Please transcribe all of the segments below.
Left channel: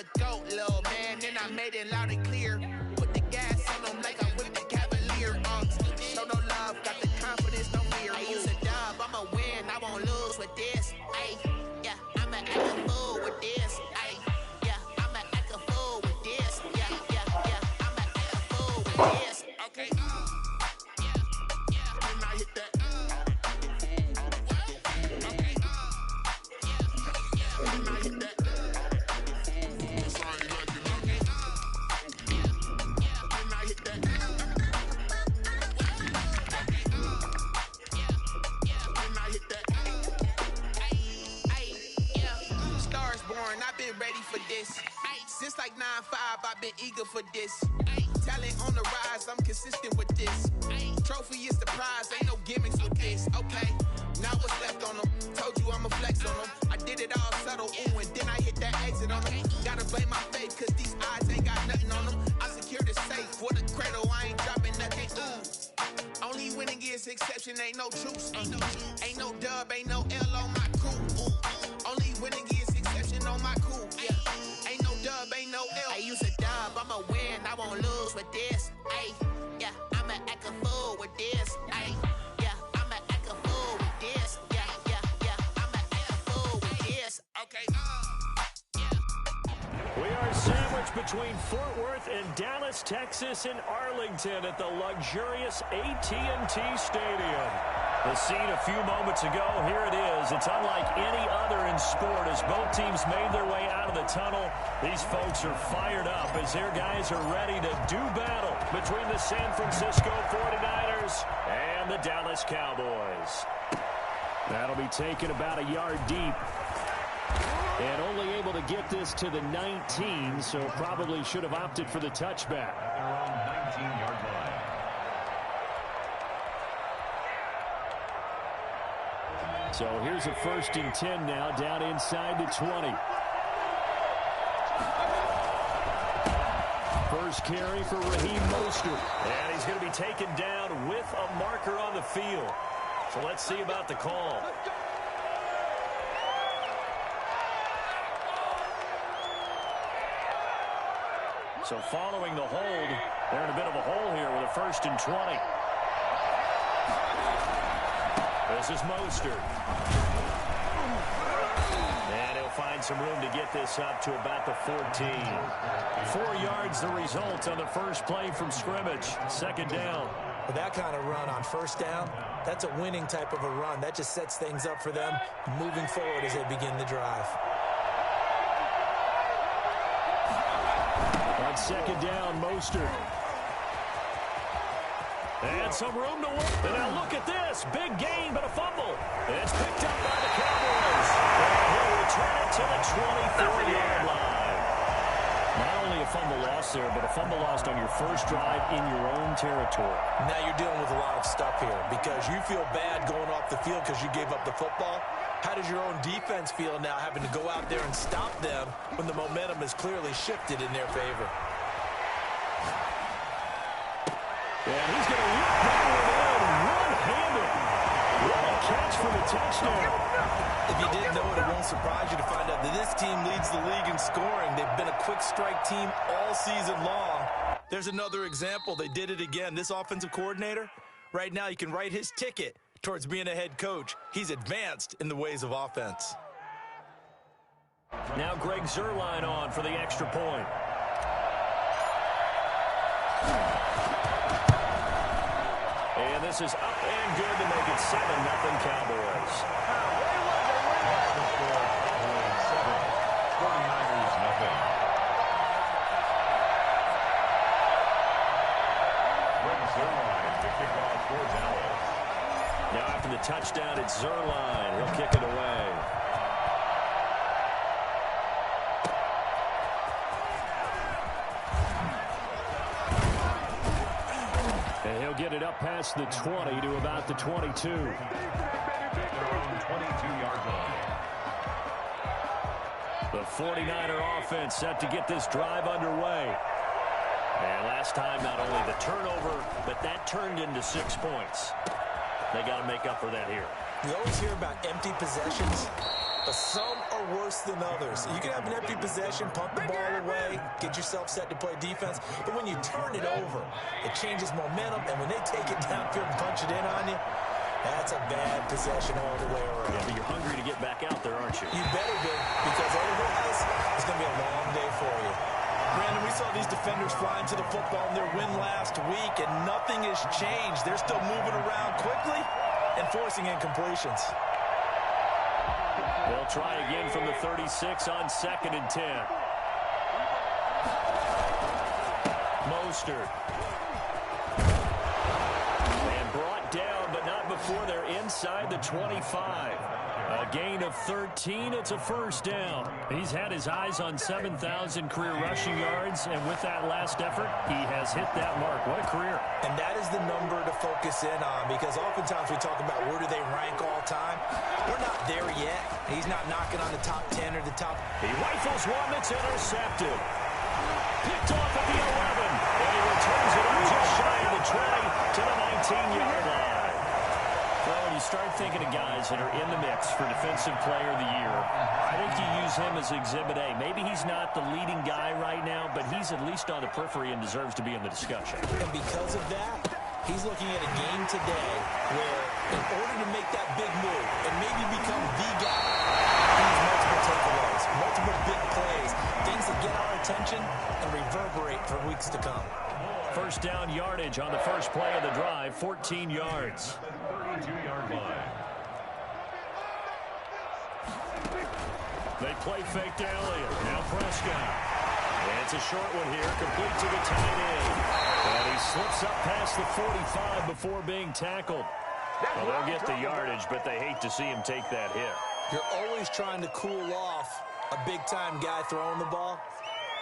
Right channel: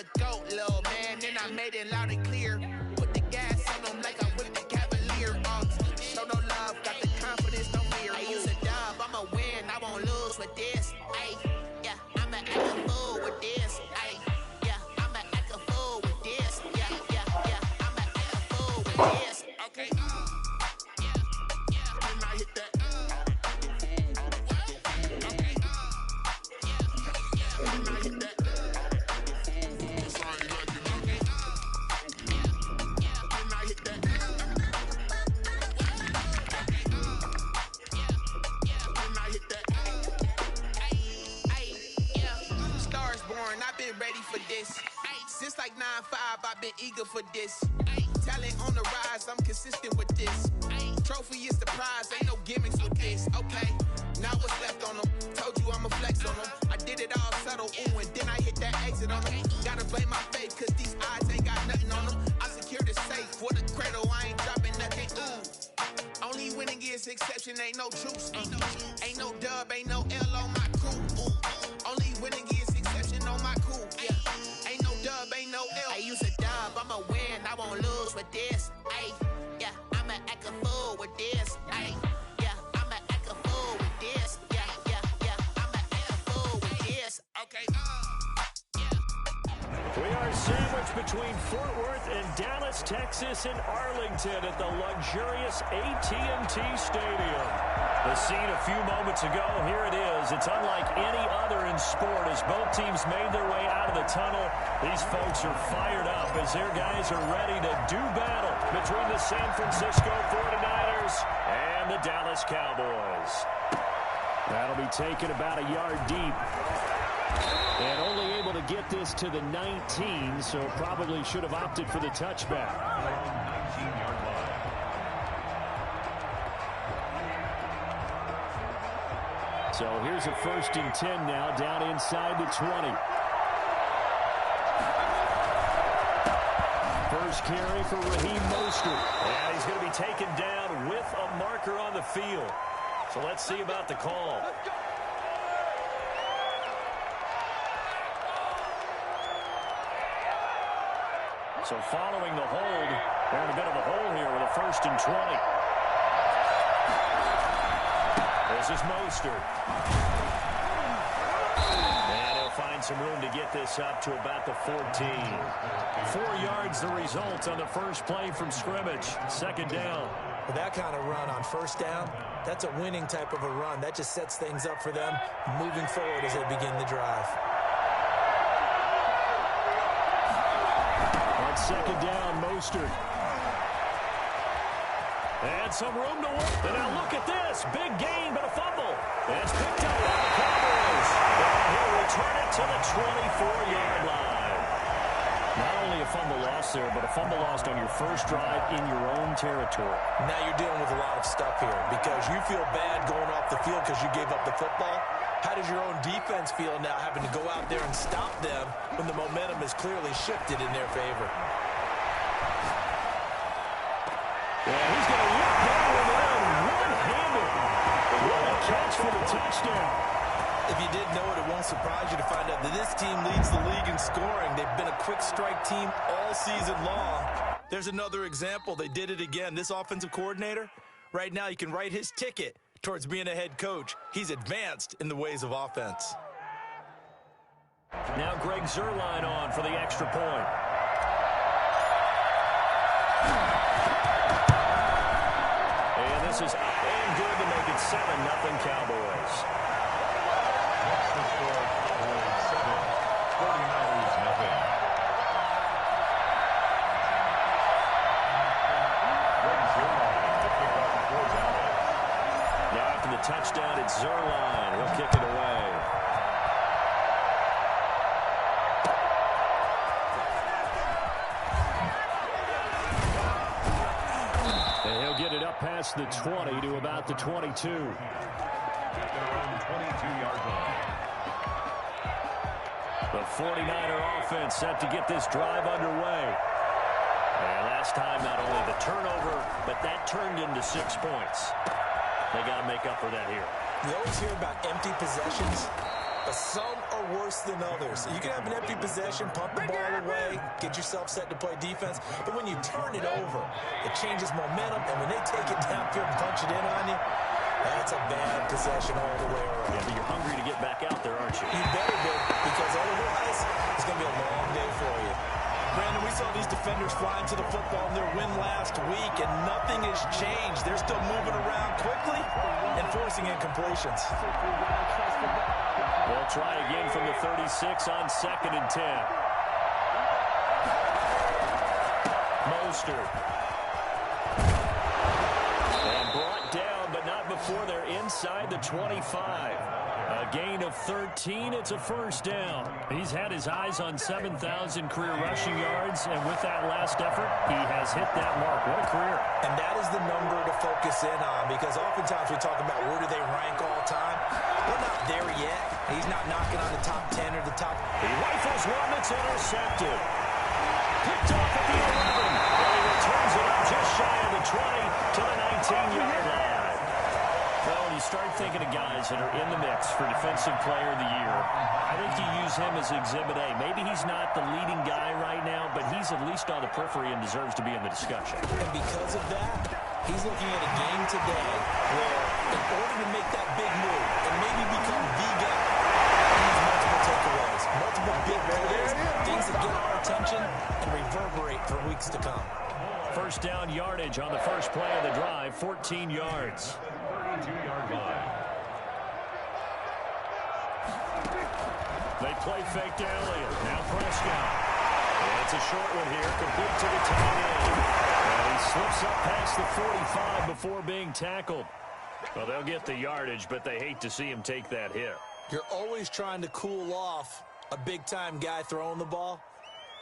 the GOAT, little man. Then I made it loud and clear. Put the gas on them like I'm with the Cavalier. Show no love, got the confidence, no fear. I use a dub, I'ma win, I won't lose with this. Ay, yeah, I'ma act a fool with this. Ay, yeah, I'ma act a fool with this. Yeah, yeah, yeah, I'ma act a fool with this. Okay, yeah, yeah, when I hit that. Okay, yeah, yeah, when I hit that. Ready for this. Since like 9-5, I've been eager for this. Talent on the rise, I'm consistent with this. Trophy is the prize, ain't no gimmicks with this. Okay, now what's left on them? Told you I'ma flex on them. I did it all subtle, ooh, and then I hit that exit on them. Gotta blame my faith, cause these odds ain't got nothing on them. I secured the safe for the cradle, I ain't dropping nothing, ooh. Only winning is exception, ain't no truce. Ain't no dub, ain't no L on my crew, ooh. Only winning is exception on my crew, yeah. Ain't no dub, ain't no L. I use a dub, I'ma win, I won't lose with this. Ay, yeah, I'ma act a fool with this. Ay, yeah, I'ma act a fool with this. Yeah, yeah, yeah, I'ma act a fool with this. Okay, yeah. We are sandwiched between Fort Worth and Dallas, Texas, and Arlington at the luxurious AT&T Stadium. The scene a few moments ago, here it is. It's unlike any other in sport as both teams made their way out of the tunnel. These folks are fired up as their guys are ready to do battle between the San Francisco 49ers and the Dallas Cowboys. That'll be taken about a yard deep. And only able to get this to the 19, so probably should have opted for the touchback. Around 19-yard line. So here's a 1st and 10 now, down inside the 20. First carry for Raheem Mostert. And he's going to be taken down with a marker on the field. So let's see about the call. So following the hold, they're in a bit of a hole here with a 1st and 20. This is Mostert. And he'll find some room to get this up to about the 14. 4 yards the result on the first play from scrimmage. 2nd down. With that kind of run on 1st down, that's a winning type of a run. That just sets things up for them moving forward as they begin the drive. On 2nd down, Mostert. And some room to work. And now look at this. Big gain, but a fumble. And it's picked up by the Cowboys. And he'll return it to the 24-yard line. Not only a fumble loss there, but a fumble lost on your first drive in your own territory. Now you're dealing with a lot of stuff here because you feel bad going off the field because you gave up the football. How does your own defense feel now having to go out there and stop them when the momentum is clearly shifted in their favor? And he's going to look that one in one-handed. What a catch for the touchdown. If you didn't know it, it won't surprise you to find out that this team leads the league in scoring. They've been a quick strike team all season long. There's another example. They did it again. This offensive coordinator, right now you can write his ticket towards being a head coach. He's advanced in the ways of offense. Now Greg Zuerlein on for the extra point. And this is up and good to make it 7-0 Cowboys. That's the score. Cowboys 7, 49ers nothing. Greg Zuerlein to kick off for Dallas. Now after the touchdown, it's Zuerlein. He'll kick it away. And he'll get it up past the 20 to about the 22. At their own 22-yard line. The 49er offense set to get this drive underway. And last time, not only the turnover, but that turned into 6 points. They got to make up for that here. We always hear about empty possessions. but some are worse than others. You can have an empty possession, punt the ball away, get yourself set to play defense, but when you turn it over, it changes momentum, and when they take it downfield and punch it in on you, that's a bad possession all the way around. Yeah, but you're hungry to get back out there, aren't you? You better be, because otherwise it's going to be a long day for you. Brandon, we saw these defenders flying to the football in their win last week, and nothing has changed. They're still moving around quickly and forcing incompletions. They'll try again from the 36 on 2nd and 10. Mostert. And brought down, but not before they're inside the 25. A gain of 13. It's a first down. He's had his eyes on 7,000 career rushing yards, and with that last effort, he has hit that mark. What a career. And that is the number to focus in on, because oftentimes we talk about where do they rank all time. We're not there yet. He's not knocking on the top 10 or the top. He rifles one that's intercepted. Picked off at the 11. And he returns it up just shy of the 20 to the 19-yard line. Well, when you start thinking of guys that are in the mix for Defensive Player of the Year, I think you use him as Exhibit A. Maybe he's not the leading guy right now, but he's at least on the periphery and deserves to be in the discussion. And because of that, he's looking at a game today where, in order to make that big move and maybe become the guy, he needs multiple takeaways, multiple big plays, things that get our attention and reverberate for weeks to come. First down yardage on the first play of the drive, 14 yards. 32-yard line. They play fake to Elliott. Now Prescott. And it's a short one here, complete to the tight end. And he slips up past the 45 before being tackled. Well, they'll get the yardage, but they hate to see him take that hit. You're always trying to cool off a big-time guy throwing the ball,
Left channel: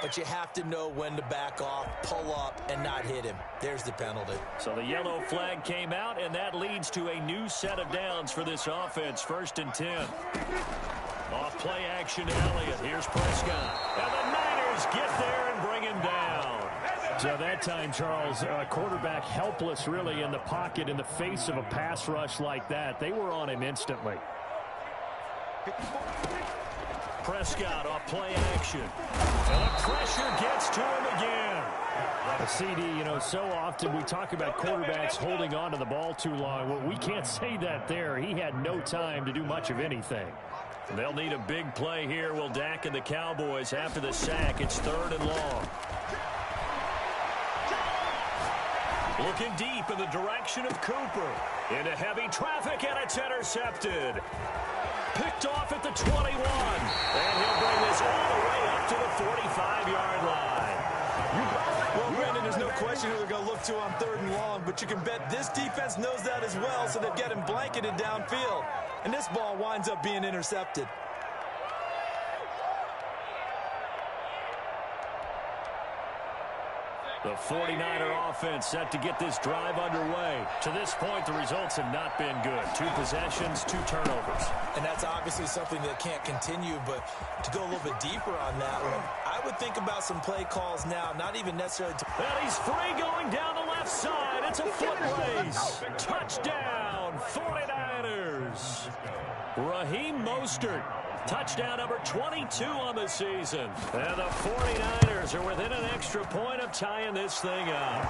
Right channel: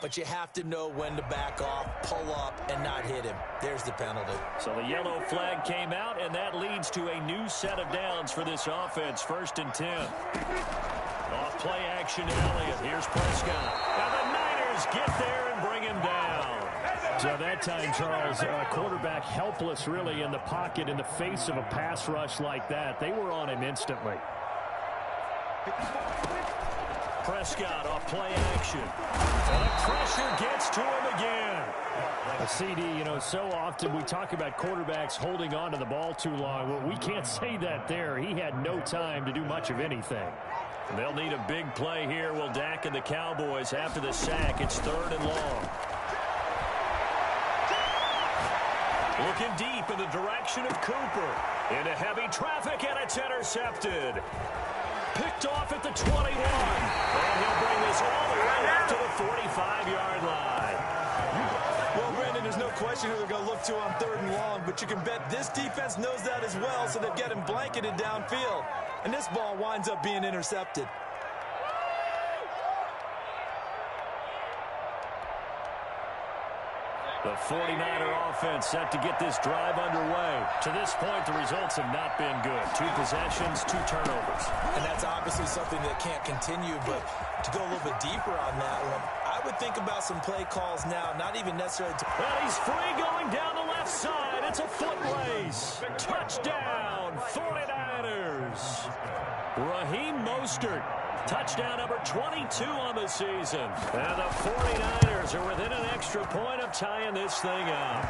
but you have to know when to back off, pull up, and not hit him. There's the penalty. So the yellow flag came out, and that leads to a new set of downs for this offense. 1st and 10. Off play action to Elliott. Here's Prescott. And the Niners get there and bring him down. So that time, Charles, quarterback helpless really in the pocket in the face of a pass rush like that. They were on him instantly. Prescott off play action. And the pressure gets to him again. A CD, you know, so often we talk about quarterbacks holding on to the ball too long. Well, we can't say that there. He had no time to do much of anything. They'll need a big play here. Will Dak and the Cowboys after the sack. It's 3rd and long. Looking deep in the direction of Cooper. Into heavy traffic, and it's intercepted. Picked off at the 21. And he'll bring this all the way up to the 45-yard line. Well, Brandon, there's no question who they're going to look to on 3rd and long, but you can bet this defense knows that as well, so they've got him blanketed downfield. And this ball winds up being intercepted. The 49er offense set to get this drive underway. To this point, the results have not been good. 2 possessions, 2 turnovers. And that's obviously something that can't continue, but to go a little bit deeper on that one, I would think about some play calls now, not even necessarily to... And he's free going down the left side. It's a foot race. Touchdown, 49ers. Raheem Mostert. Touchdown number 22 on the season. And the 49ers are within an extra point of tying this thing up.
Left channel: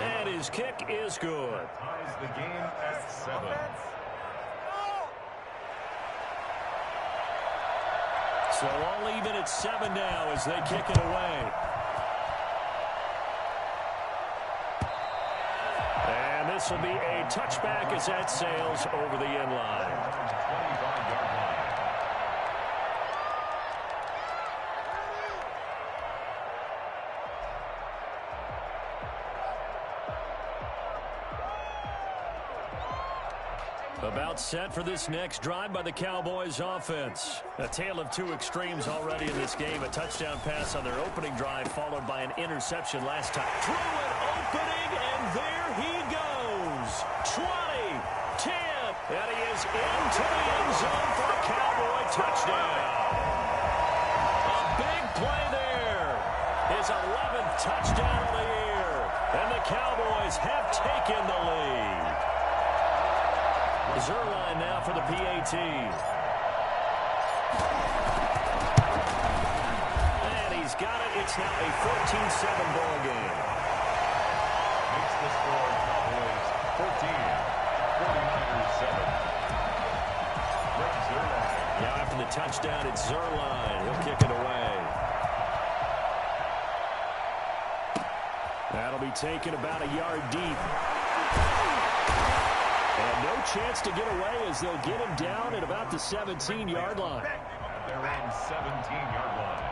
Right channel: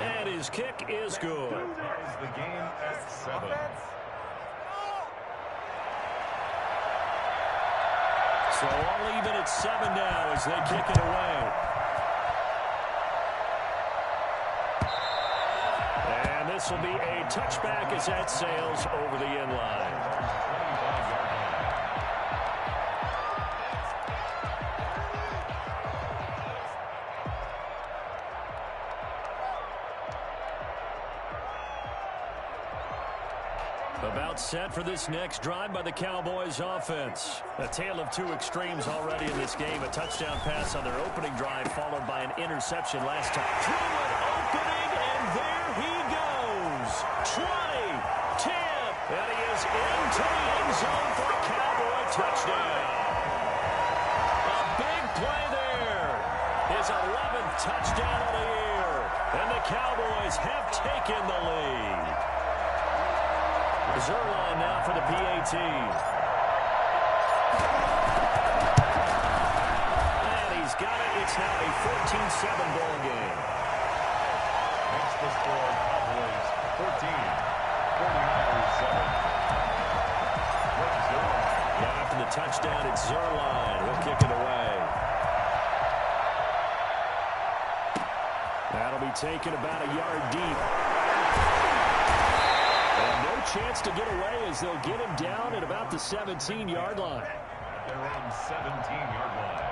And his kick is good. The game at 7. So all even at 7 now as they kick it away. And this will be a touchback as that sails over the end line. 25-yard line. About set for this next drive by the Cowboys offense. A tale of 2 extremes already in this game. A touchdown pass on their opening drive followed by an interception last time. Through an opening, and there he goes. 20, 10, and he is into the end zone for a Cowboy touchdown. A big play there. His 11th touchdown of the year. And the Cowboys have taken the lead. Zerline now for the PAT. And he's got it. It's now a 14-7 ball game. Makes the score Cowboys 14, 49ers 7. Rick Zerline. Yeah, after the touchdown, it's Zerline. He'll kick it away. That'll be taken about a yard deep. And no chance to get away as they'll get him down at about the 17-yard line. At their own 17-yard line.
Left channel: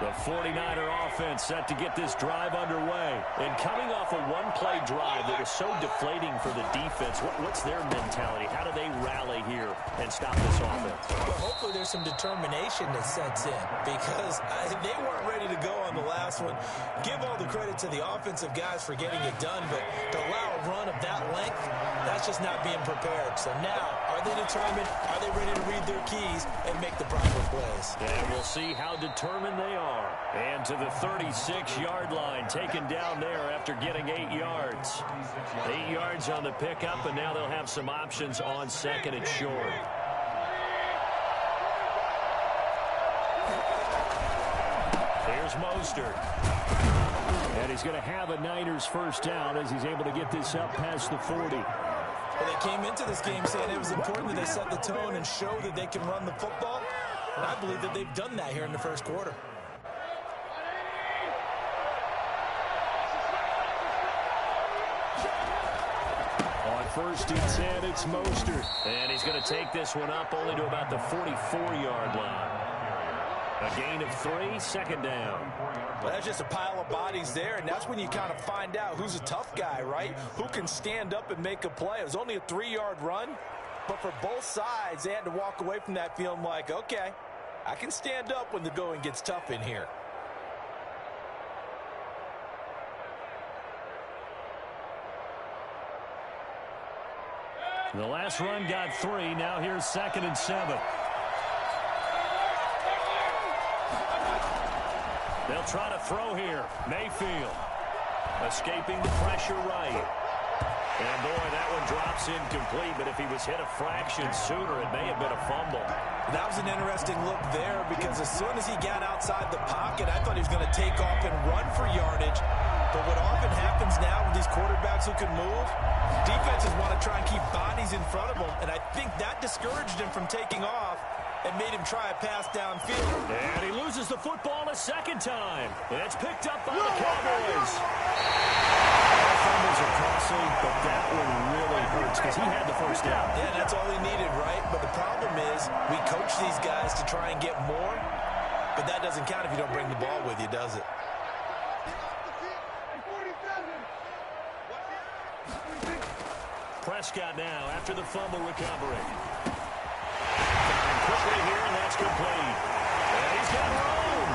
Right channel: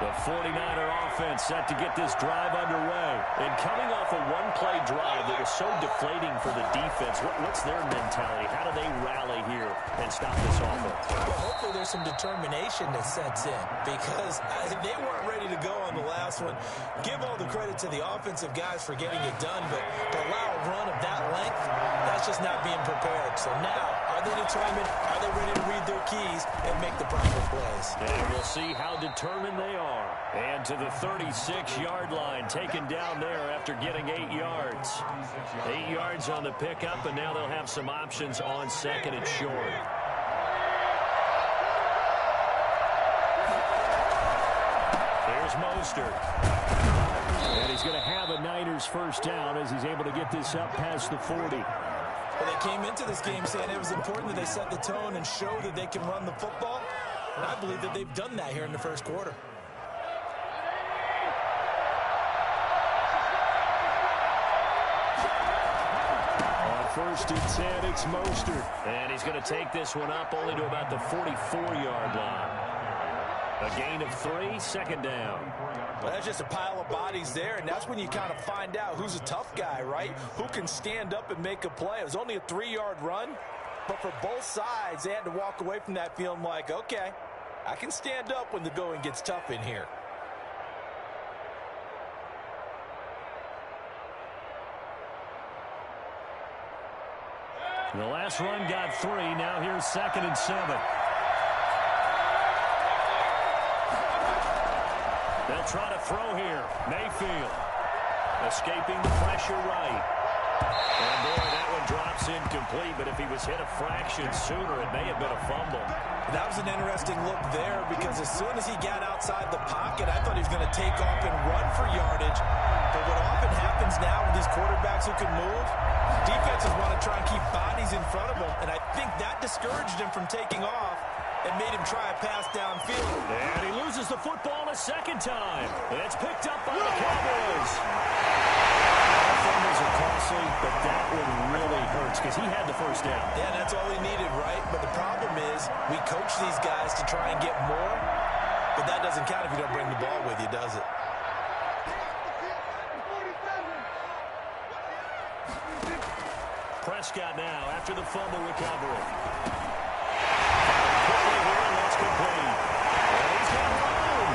The 49er offense set to get this drive underway. And coming off a one-play drive that was so deflating for the defense, what's their mentality? How do they rally here and stop this offense? Well, hopefully there's some determination that sets in because they weren't ready to go on the last one. Give all the credit to the offensive guys for getting it done, but to allow a run of that length, that's just not being prepared. So now, are they determined? Are they ready to read their keys and make the proper plays? And we'll see how determined they are. And to the 36-yard line, taken down there after getting 8 yards. 8 yards on the pickup, and now they'll have some options on second and short. Here's Mostert. And he's going to have a Niners first down as he's able to get this up past the 40. Well, they came into this game saying it was important that they set the tone and show that they can run the football. And I believe that they've done that here in the first quarter. On first and 10, it's Mostert. And he's going to take this one up only to about the 44-yard line. A gain of 3, second down. Well, that's just a pile of bodies there, and that's when you kind of find out who's a tough guy, right? Who can stand up and make a play. It was only a 3-yard run, but for both sides, they had to walk away from that feeling like, okay, I can stand up when the going gets tough in here. The last run got 3. Now here's second and 7. They'll try to throw here. Mayfield escaping the pressure right. And, boy, that one drops incomplete, but if he was hit a fraction sooner, it may have been a fumble. That was an interesting look there because as soon as he got outside the pocket, I thought he was going to take off and run for yardage. But what often happens now with these quarterbacks who can move, defenses want to try and keep bodies in front of them, and I think that discouraged him from taking off and made him try a pass downfield. And he loses the football a second time. It's picked up by the Cowboys. All fumbles are costly, but that one really hurts because he had the first down. Yeah, that's all he needed, right? But the problem is we coach these guys to try and get more, but that doesn't count if you don't bring the ball with you, does it? Prescott now after the fumble recovery. Firing quickly here, and that's complete. And he's got room.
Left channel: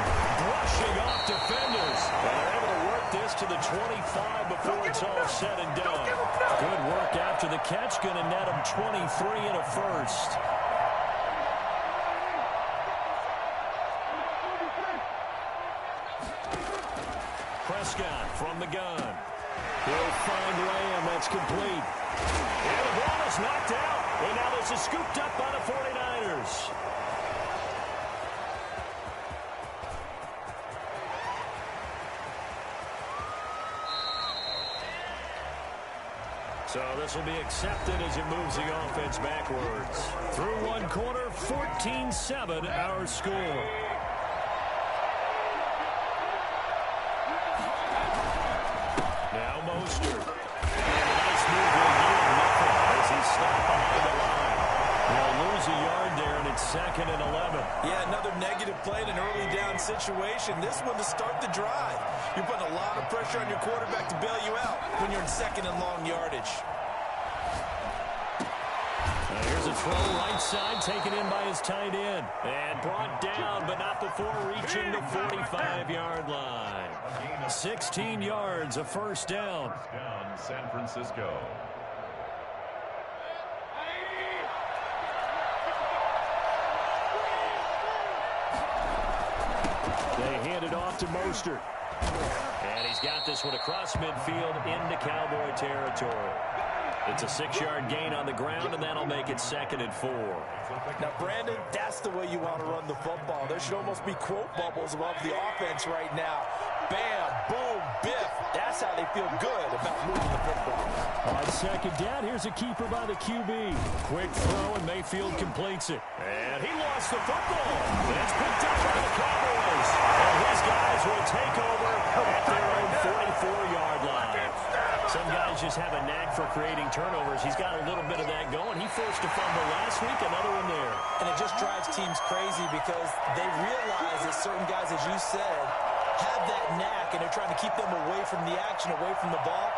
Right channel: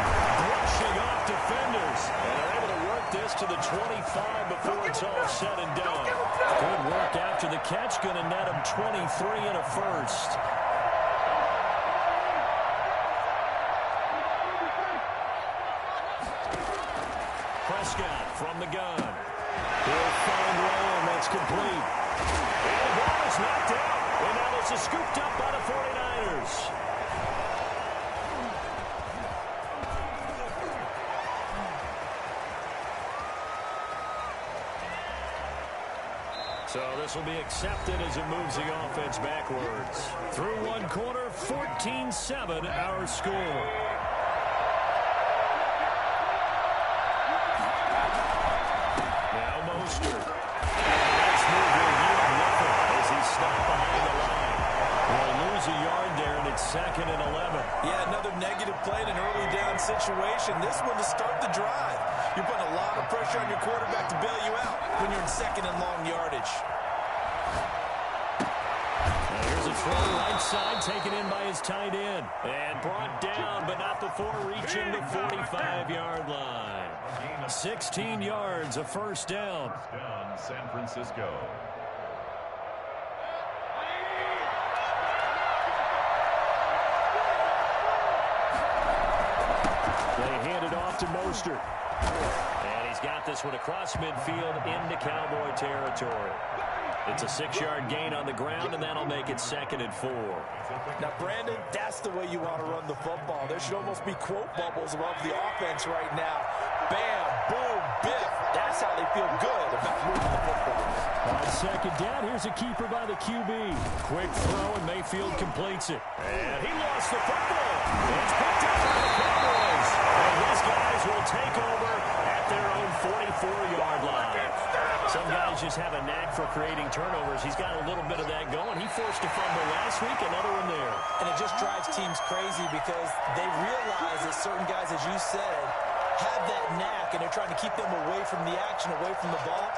Brushing off defenders. And they're able to work this to the 25 before it's all said and done. Good work after the catch. Going to net him 23 and a first. Prescott from the gun. He'll find Lamb. That's complete. And the ball is knocked out. And now this is scooped up by the 49ers. So this will be accepted as it moves the offense backwards. Through one quarter, 14-7 our score. Now Mostert. And a nice move will yield nothing as he's stopped behind the line. They'll lose a yard there, and it's second and 11. Yeah, another negative play in an early down situation. This one to start the drive. You're putting a lot of pressure on your quarterback to bail you out when you're in second and long yardage. Now here's a throw right side, taken in by his tight end. And brought down, but not before reaching the 45-yard line. 16 yards, a first down. First down, San Francisco. They hand it off to Mostert. And he's got this one across midfield into Cowboy territory. It's a 6-yard gain on the ground, and that'll make it 2nd and 4. Now, Brandon, that's the way you want to run the football. There should almost be quote bubbles above the offense right now. Bam, boom, biff. That's how they feel good about moving the football. On 2nd down, here's a keeper by the QB. Quick throw, and Mayfield completes it. And he lost the football. It's picked up by the Cowboys. And his guys will take over at their own 44-yard line. Some guys just have a knack for creating turnovers. He's got a little bit of that going. He forced a fumble last week, another one there. And it just drives teams crazy because they realize that certain guys, as you said, have that knack, and they're trying to keep them away from the action, away from the ball.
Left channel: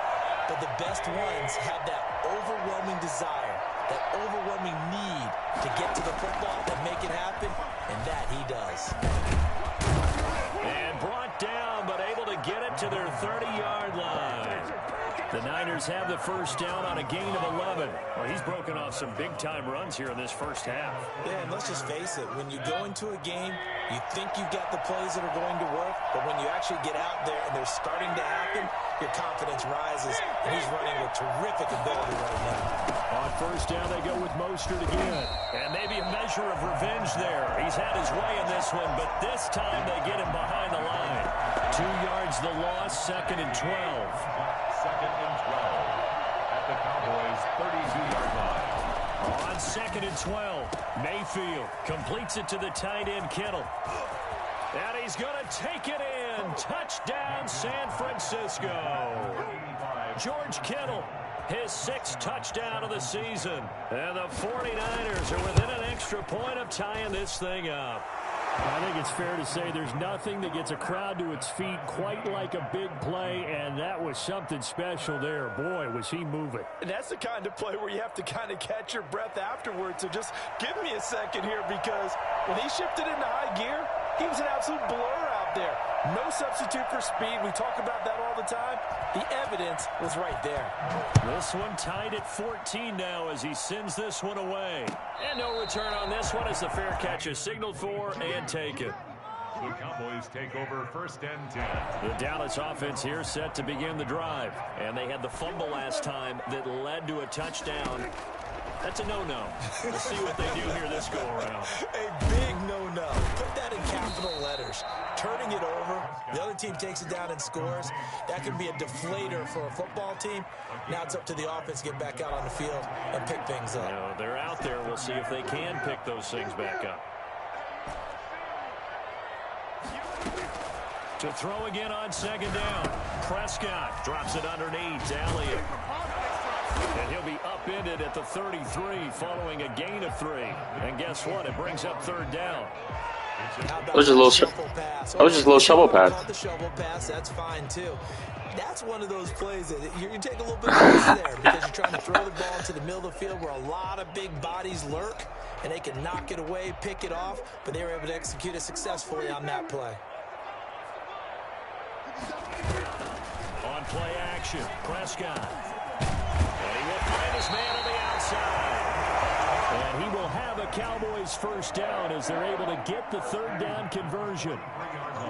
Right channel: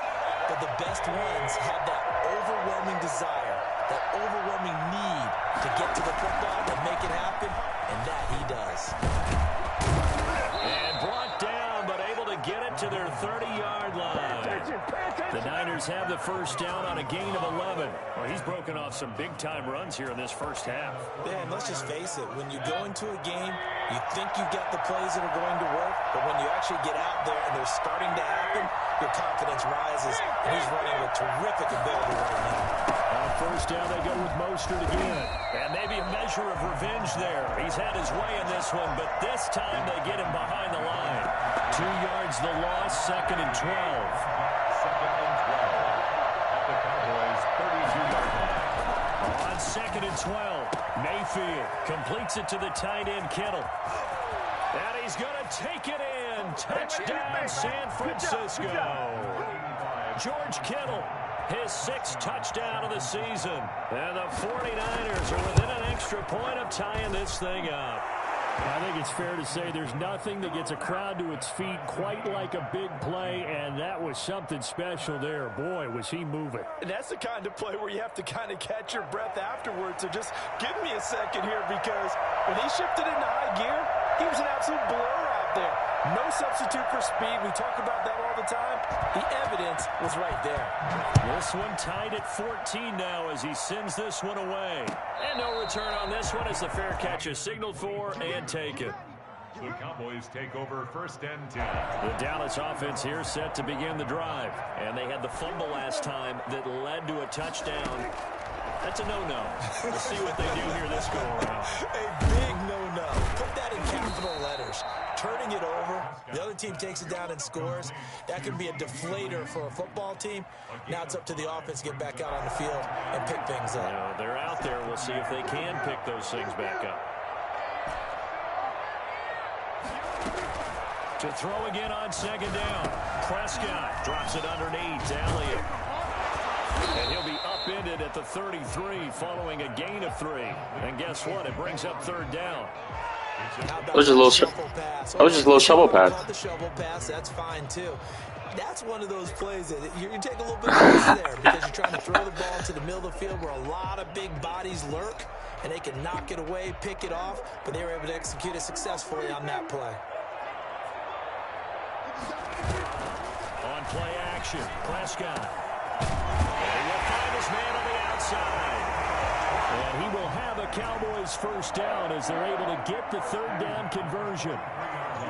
But the best ones have that overwhelming desire, that overwhelming need to get to the football and make it happen, and that he does. And brought down, but able to get it to their 30-yard line. The Niners have the first down on a gain of 11. Well, he's broken off some big-time runs here in this first half. Yeah, and let's just face it. When you go into a game, you think you've got the plays that are going to work, but when you actually get out there and they're starting to happen, your confidence rises, and he's running with terrific ability right now. On first down, they go with Mostert again. And maybe a measure of revenge there. He's had his way in this one, but this time they get him behind the line. 2 yards the loss, 2nd and 12. 2nd and 12 at the Cowboys' 32-yard line. On 2nd and 12, Mayfield completes it to the tight end Kittle. And he's going to take it in. Touchdown, San Francisco. George Kittle, his 6th touchdown of the season. And the 49ers are within an extra point of tying this thing up. I think it's fair to say there's nothing that gets a crowd to its feet quite like a big play, and that was something special there. Boy, was he moving. And that's the kind of play where you have to kind of catch your breath afterwards. So just give me a second here, because when he shifted into high gear, he was an absolute blur out there. No substitute for speed. We talk about that all the time. The evidence was right there. This one tied at 14 now as he sends this one away. And no return on this one as the fair catch is signaled for and taken. The Cowboys take over 1st and 10. The Dallas offense here set to begin the drive. And they had the fumble last time that led to a touchdown. That's a no-no. We'll see what they do here this go-around. A big no-no. Put that in capital letters. Turning it over, the other team takes it down and scores. That can be a deflator for a football team. Now it's up to the offense to get back out on the field and pick things up. You know, they're out there. We'll see if they can pick those things back up. To throw again on 2nd down. Prescott drops it underneath. Elliott. And he'll be upended at the 33 following a gain of 3. And guess what? It brings up 3rd down. It was just a little shovel pass. The shovel pass, that's fine too. That's one of those plays that you take a little bit of risk there because you're trying to throw the ball into the middle of the field where a lot of big bodies lurk, and they can knock it away, pick it off, but they were able to execute it successfully on that play. On play action, Prescott. And he will find his man on the outside. And he will have a Cowboys first down as they're able to get the 3rd down conversion.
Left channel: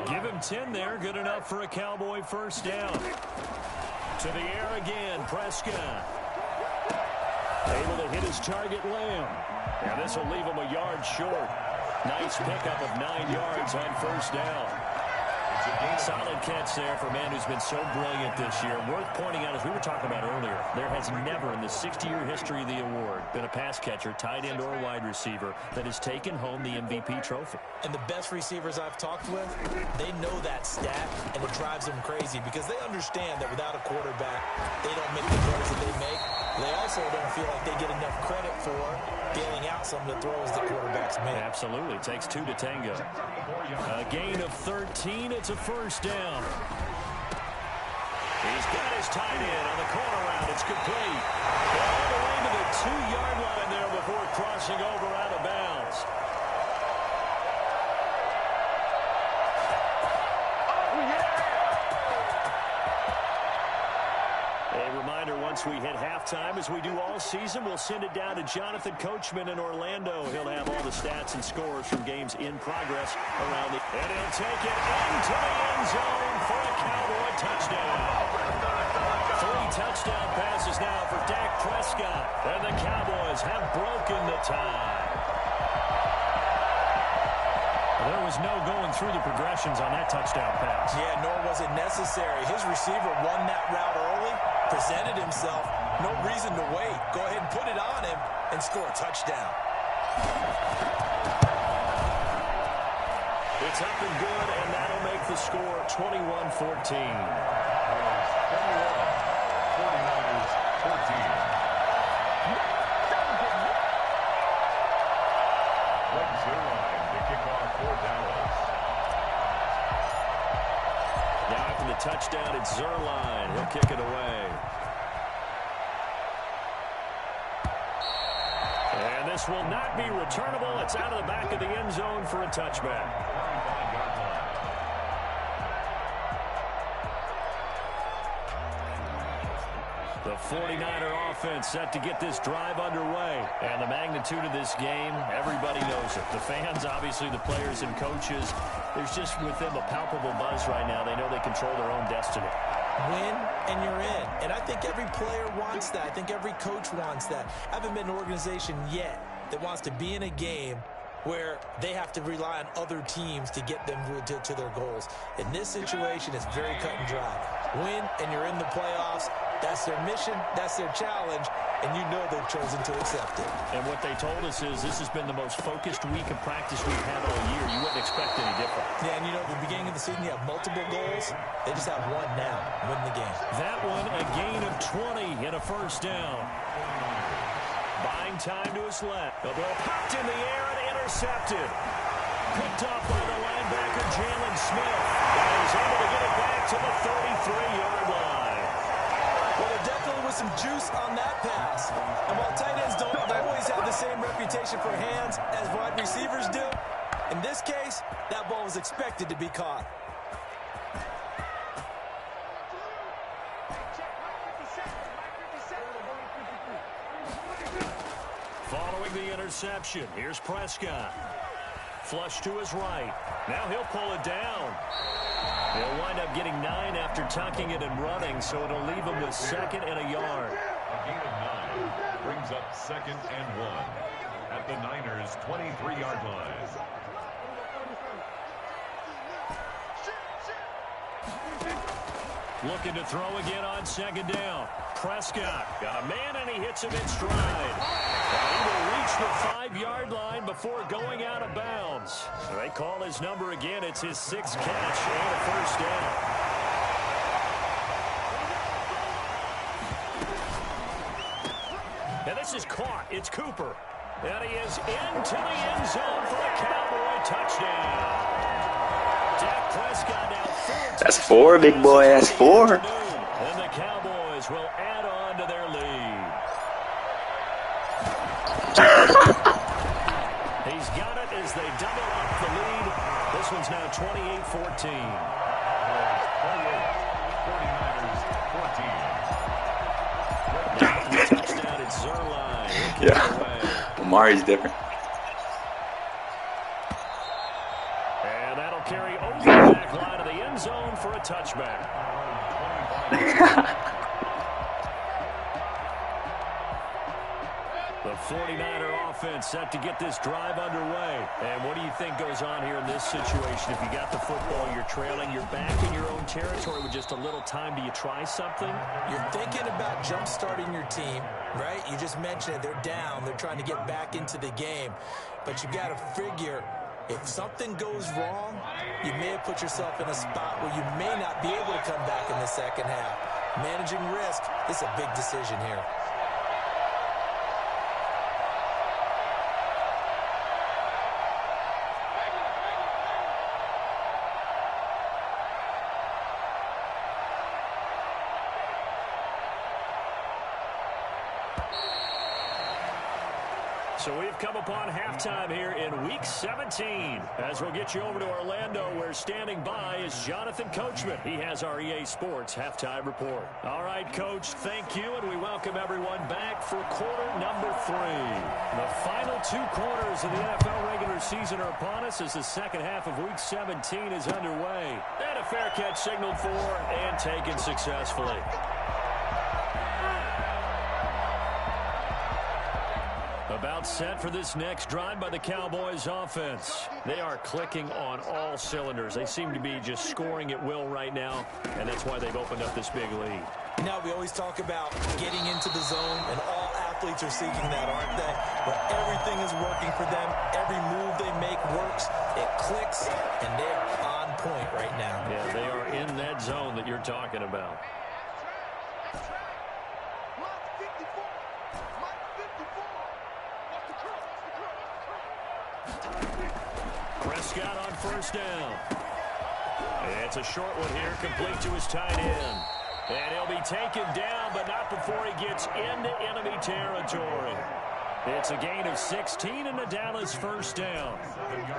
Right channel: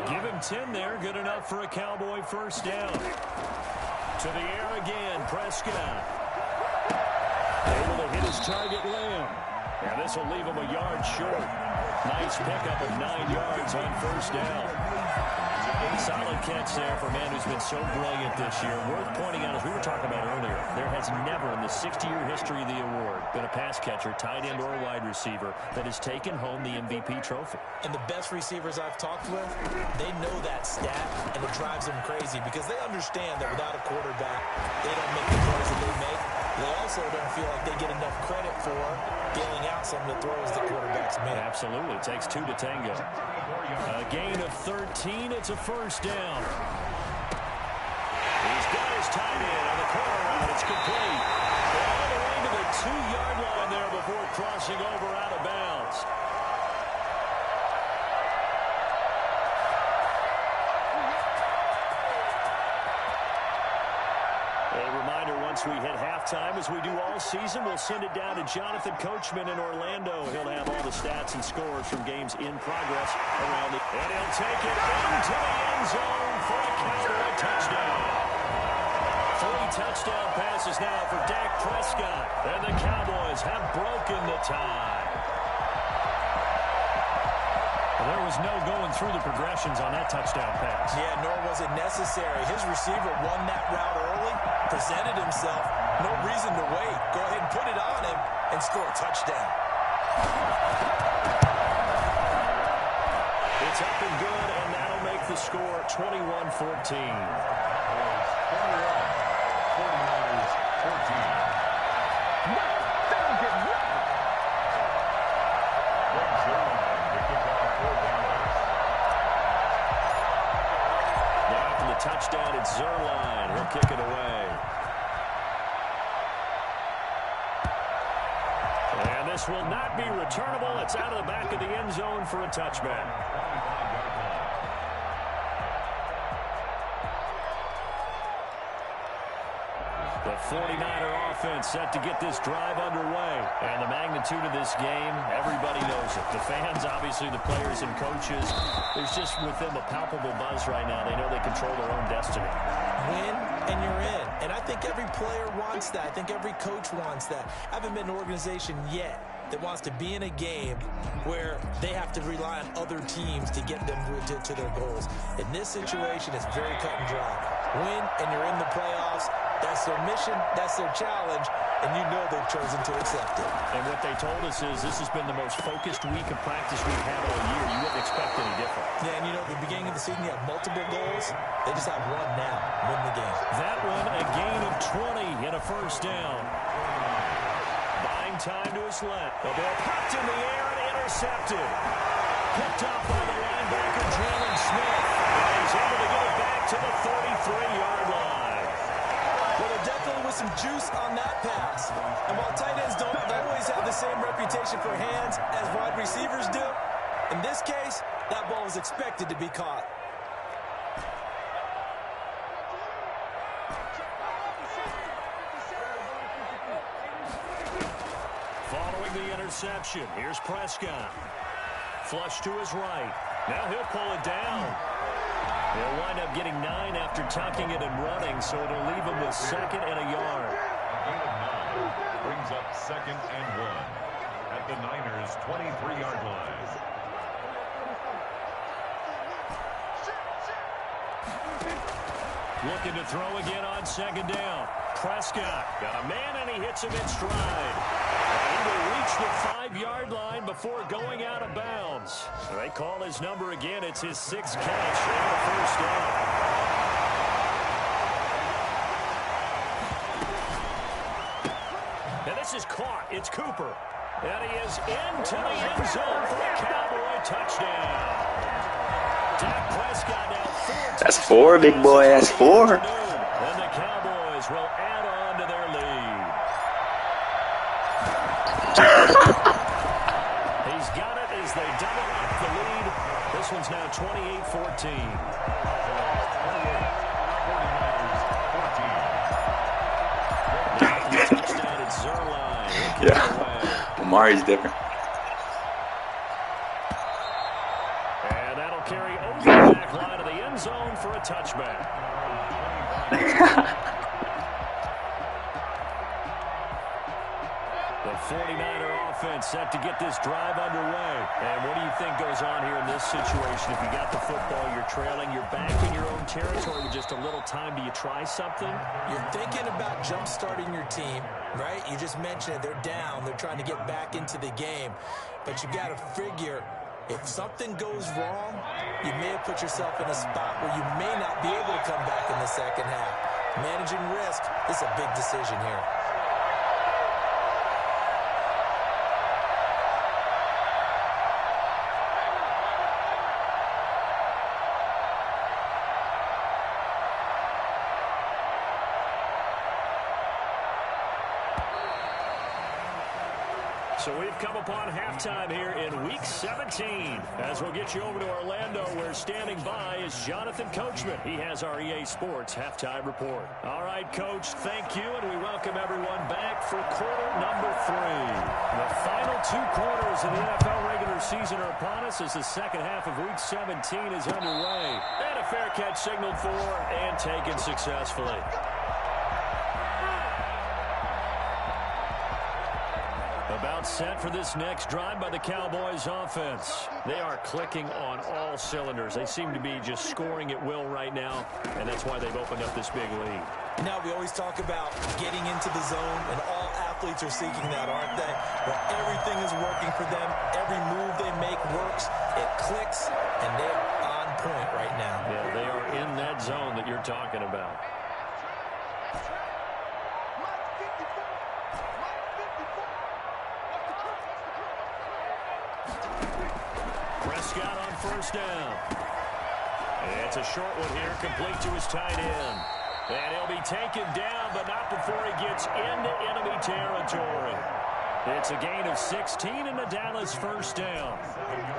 Give him 10 there, good enough for a Cowboy first down. To the air again, Prescott. Able to hit his target, Lamb. And this will leave him a yard short. Nice pickup of 9 yards on first down. Solid catch there for a man who's been so brilliant this year. Worth pointing out, as we were talking about earlier, there has never in the 60-year history of the award been a pass catcher, tight end, or wide receiver that has taken home the MVP trophy. And the best receivers I've talked with, they know that stat, and it drives them crazy because they understand that without a quarterback, they don't make the throws that they make. They also don't feel like they get enough credit for bailing out some of the throws the quarterbacks make. Absolutely. It takes 2 to tango. A gain of 13. It's a first down. He's got his tight end on the corner route. It's complete. All the way to the 2-yard line there before crossing over out of bounds. A reminder, once we hit halftime, as we do all season, we'll send it down to Jonathan Coachman in Orlando. He'll have all the stats and scores from games in progress around the... And he'll take it into the end zone for a Cowboy touchdown. 3 touchdown passes now for Dak Prescott. And the Cowboys have broken the tie. There was no going through the progressions on that touchdown pass. Yeah, nor was it necessary. His receiver won that route early, presented himself. No reason to wait. Go ahead and put it on him and score a touchdown. It's up and good, and that'll make the score 21-14. 49ers 14. Greg Zerline to kick off for Dallas. Now after the touchdown, it's Zerline. He'll kick it away. And this will not be returnable. It's out of the back of the end zone for a touchback. 25-yard line. The 49er offense set to get this drive underway. And the magnitude of this game, everybody knows it. The fans, obviously the players and coaches, there's just with them a palpable buzz right now. They know they control their own destiny. Win and you're in. And I think every player wants that. I think every coach wants that. I haven't been an organization yet that wants to be in a game where they have to rely on other teams to get them to their goals. In this situation, it's very cut and dry. Win and you're in the playoffs. That's their mission, that's their challenge, and you know they've chosen to accept it. And what they told us is this has been the most focused week of practice we've had all year. You wouldn't expect any different. Yeah, and you know, at the beginning of the season, you have multiple goals. They just have one now, win the game. That one, a gain of 20 and a first down. Buying time to his left. The ball popped in the air and intercepted. Picked off by the linebacker, Jalen Smith. And he's able to get it back to the 33-yard line. Well, there definitely was some juice on that pass. And while tight ends don't always have the same reputation for hands as wide receivers do, in this case, that ball was expected to be caught. Following the interception, here's Prescott. Flush to his right. Now he'll pull it down. They'll wind up getting 9 after tucking it and running, so it'll leave him with 2nd and a yard. A gain of 9 brings up 2nd and 1 at the Niners' 23-yard line. Looking to throw again on 2nd down. Prescott got a man, and he hits him in stride. And he will reach the 5-yard line before going out of bounds. They call his number again. It's his 6th catch and a first down. And this is caught. It's Cooper. And he is into the end zone for a Cowboy touchdown. Dak Prescott now 4. That's 4, big boy. That's 4. And the Cowboys will add on to their lead. He's got it as they double up the lead. This one's now 28-14. 28, 49ers 14. Now the touchdown at Zerline. Yeah. Amari's different. And that'll carry over the back line of the end zone for a touchback. The 49er offense set to get this drive underway. And what do you think goes on here in this situation? If you got the football, you're trailing, you're back in your own territory with just a little time. Do you try something? You're thinking about jump-starting your team, right? You just mentioned it. They're down. They're trying to get back into the game. But you got to figure, if something goes wrong, you may have put yourself in a spot where you may not be able to come back in the second half. Managing risk is a big decision here. So we've come upon halftime here in Week 17. As we'll get you over to Orlando, where standing by is Jonathan Coachman. He has our EA Sports Halftime Report. All right, Coach, thank you, and we welcome everyone back for quarter number 3. The final 2 quarters of the NFL regular season are upon us as the second half of Week 17 is underway. And a fair catch signaled for and taken successfully. about set for this next drive by the Cowboys offense. They are clicking on all cylinders. They seem to be just scoring at will right now, and that's why they've opened up this big lead. Now, we always talk about getting into the zone, and all athletes are seeking that, aren't they? Where everything is working for them, every move they make works, it clicks, and they are on point right now. Yeah, they are in that zone that you're talking about. Prescott on first down. It's a short one here, complete to his tight end. And he'll be taken down, but not before he gets into enemy territory. It's a gain of 16 and a Dallas first down.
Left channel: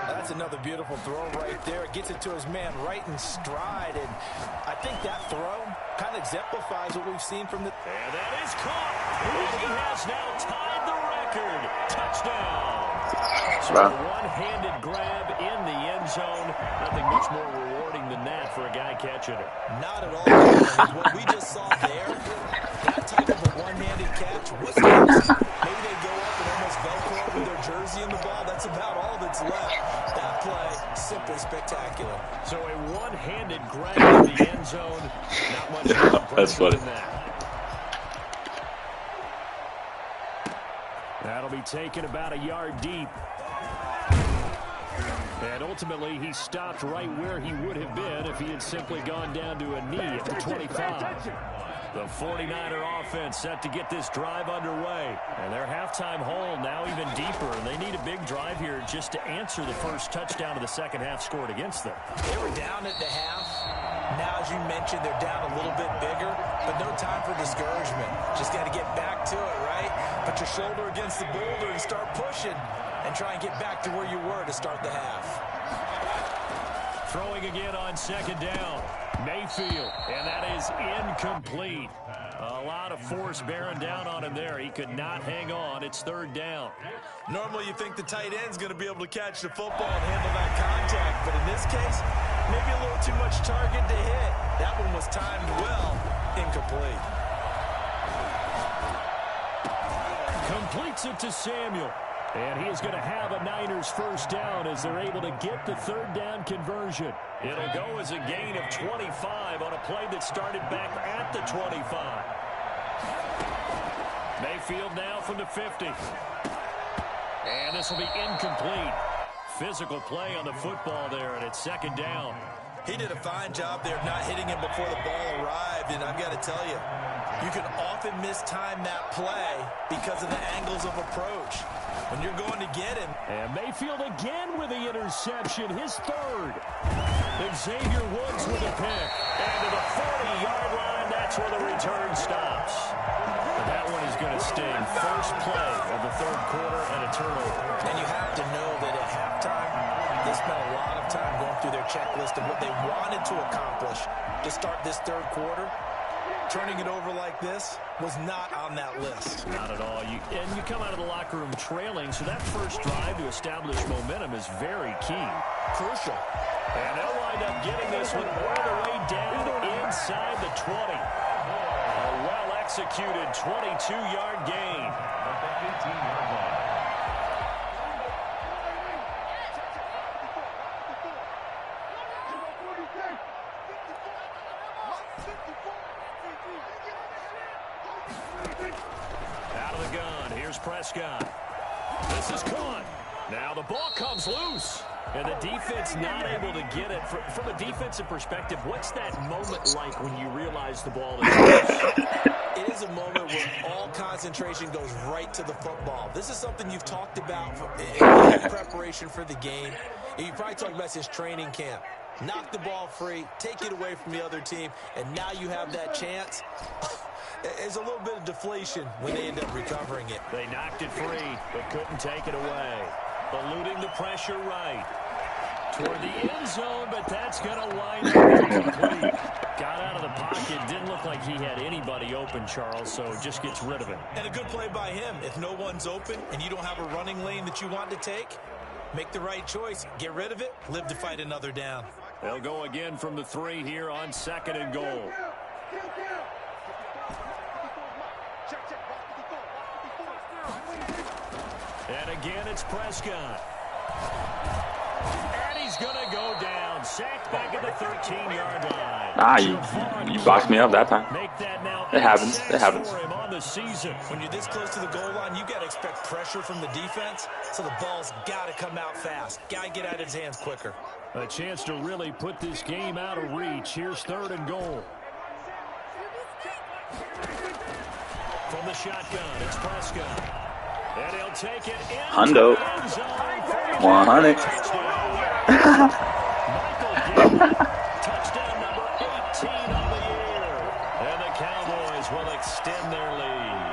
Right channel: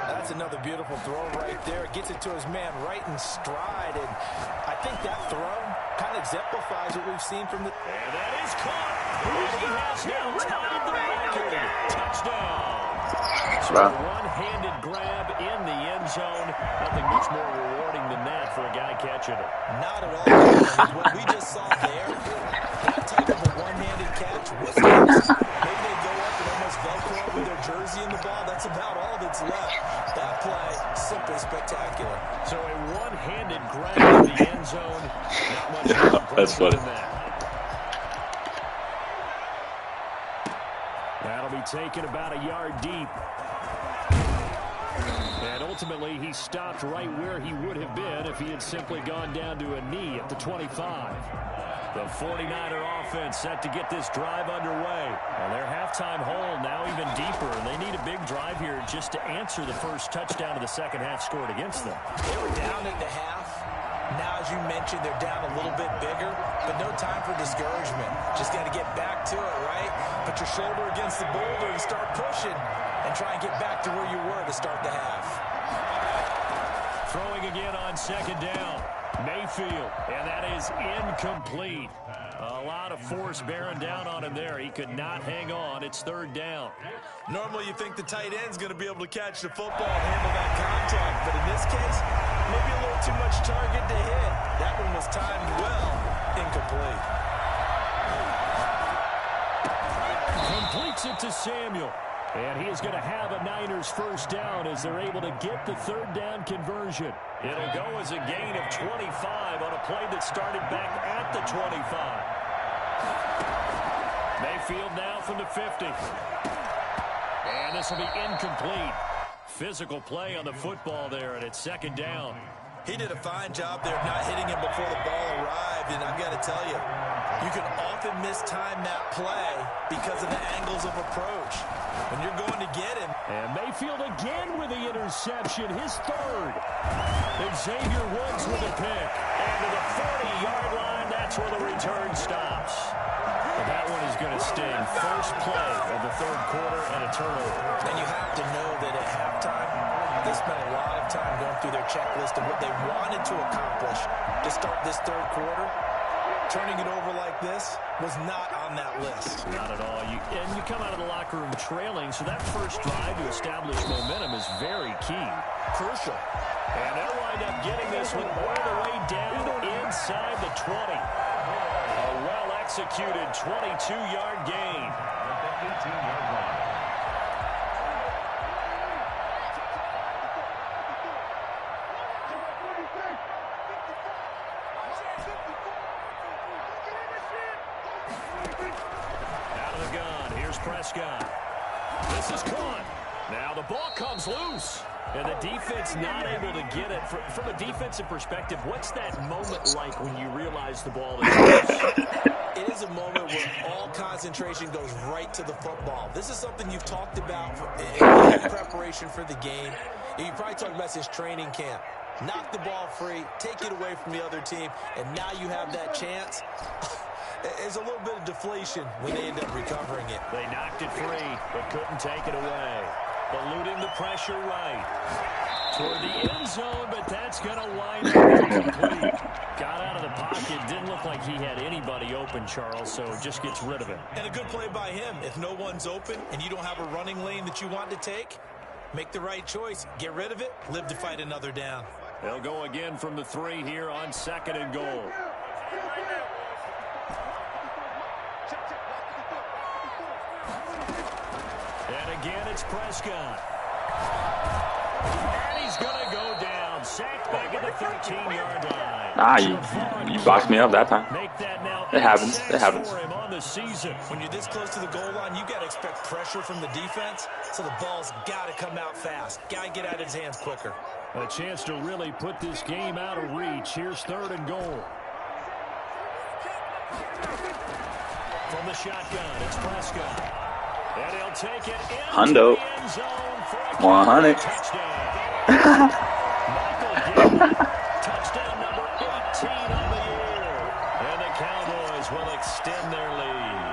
That's another beautiful throw right there. Gets it to his man right in stride. And I think that throw kind of exemplifies what we've seen from the... And that is caught. And he has now tied the record. Touchdown. So a one-handed grab in the end zone. Nothing much more rewarding than that for a guy catching it. Not at all. What we just saw there, that type of a one-handed catch, what's next? Maybe they go up and almost Velcro with their jersey in the ball. That's about all that's left. That play, simply spectacular. So a one-handed grab in the end zone. Not much more impressive than that. That'll be taken about a yard deep. And ultimately, he stopped right where he would have been if he had simply gone down to a knee at the 25. The 49er offense set to get this drive underway. And their halftime hole now even deeper. And they need a big drive here just to answer the first touchdown of the second half scored against them. They were down at the half. Now, as you mentioned, they're down a little bit bigger, but no time for discouragement. Just got to get back to it, right? Put your shoulder against the boulder and start pushing and try and get back to where you were to start the half. Throwing again on second down. Mayfield, and that is incomplete. A lot of force bearing down on him there. He could not hang on. It's third down. Normally you think the tight end's going to be able to catch the football and handle that contact, but in this case, maybe a little too much target to hit. That one was timed well. Incomplete. Completes it to Samuel. And he is going to have a Niners first down as they're able to get the third down conversion. It'll go as a gain of 25 on a play that started back at the 25. Mayfield now from the 50. And this will be incomplete. Physical play on the football there, and it's second down. He did a fine job there of not hitting him before the ball arrived, and I've got to tell you, you can often mistime that play because of the angles of approach. When you're going to get him. And Mayfield again with the interception, his third. Xavier Woods with a pick. And to the 40-yard line, that's where the return stops. But that one is going to sting. First play of the third quarter and a turnover. And you have to know that at halftime, they spent a lot of time going through their checklist of what they wanted to accomplish to start this third quarter. Turning it over like this was not on that list. Not at all. And you come out of the locker room trailing, so that first drive to establish momentum is very key. Crucial. And they'll wind up getting this one all the way down inside the 20. A well-executed 22-yard gain. At the 18-yard line. Out of the gun, here's Prescott. This is caught. Now the ball comes loose. And the defense not able to get it. From a defensive perspective, what's that moment like when you realize the ball is loose? It is a moment where all concentration goes right to the football. This is something you've talked about in preparation for the game. And you probably talked about this training camp. Knock the ball free, take it away from the other team, and now you have that chance. There's a little bit of deflation when they end up recovering it. They knocked it free, but couldn't take it away. Eluding the pressure right. Toward the end zone, but that's going to wind up incomplete. Got out of the pocket. Didn't look like he had anybody open, Charles, so just gets rid of it. And a good play by him. If no one's open and you don't have a running lane that you want to take, make the right choice. Get rid of it. Live to fight another down. They'll go again from the 3 here on second and goal. again. It's Prescott. And he's going to go down. Sacked back at the 13-yard line. Nah, you boxed me up that time. Make that now It happens. It happens. for him on the season. When you're this close to the goal line, you got to expect pressure from the defense, so the ball's got to come out fast. Got to get out of his hands quicker. A chance to really put this game out of reach. Here's 3rd and goal. From the shotgun, it's Prescott. And he'll take it in Hundo. the end zone for 100. Michael Gill, touchdown number 18 on the year. And the Cowboys will extend their lead.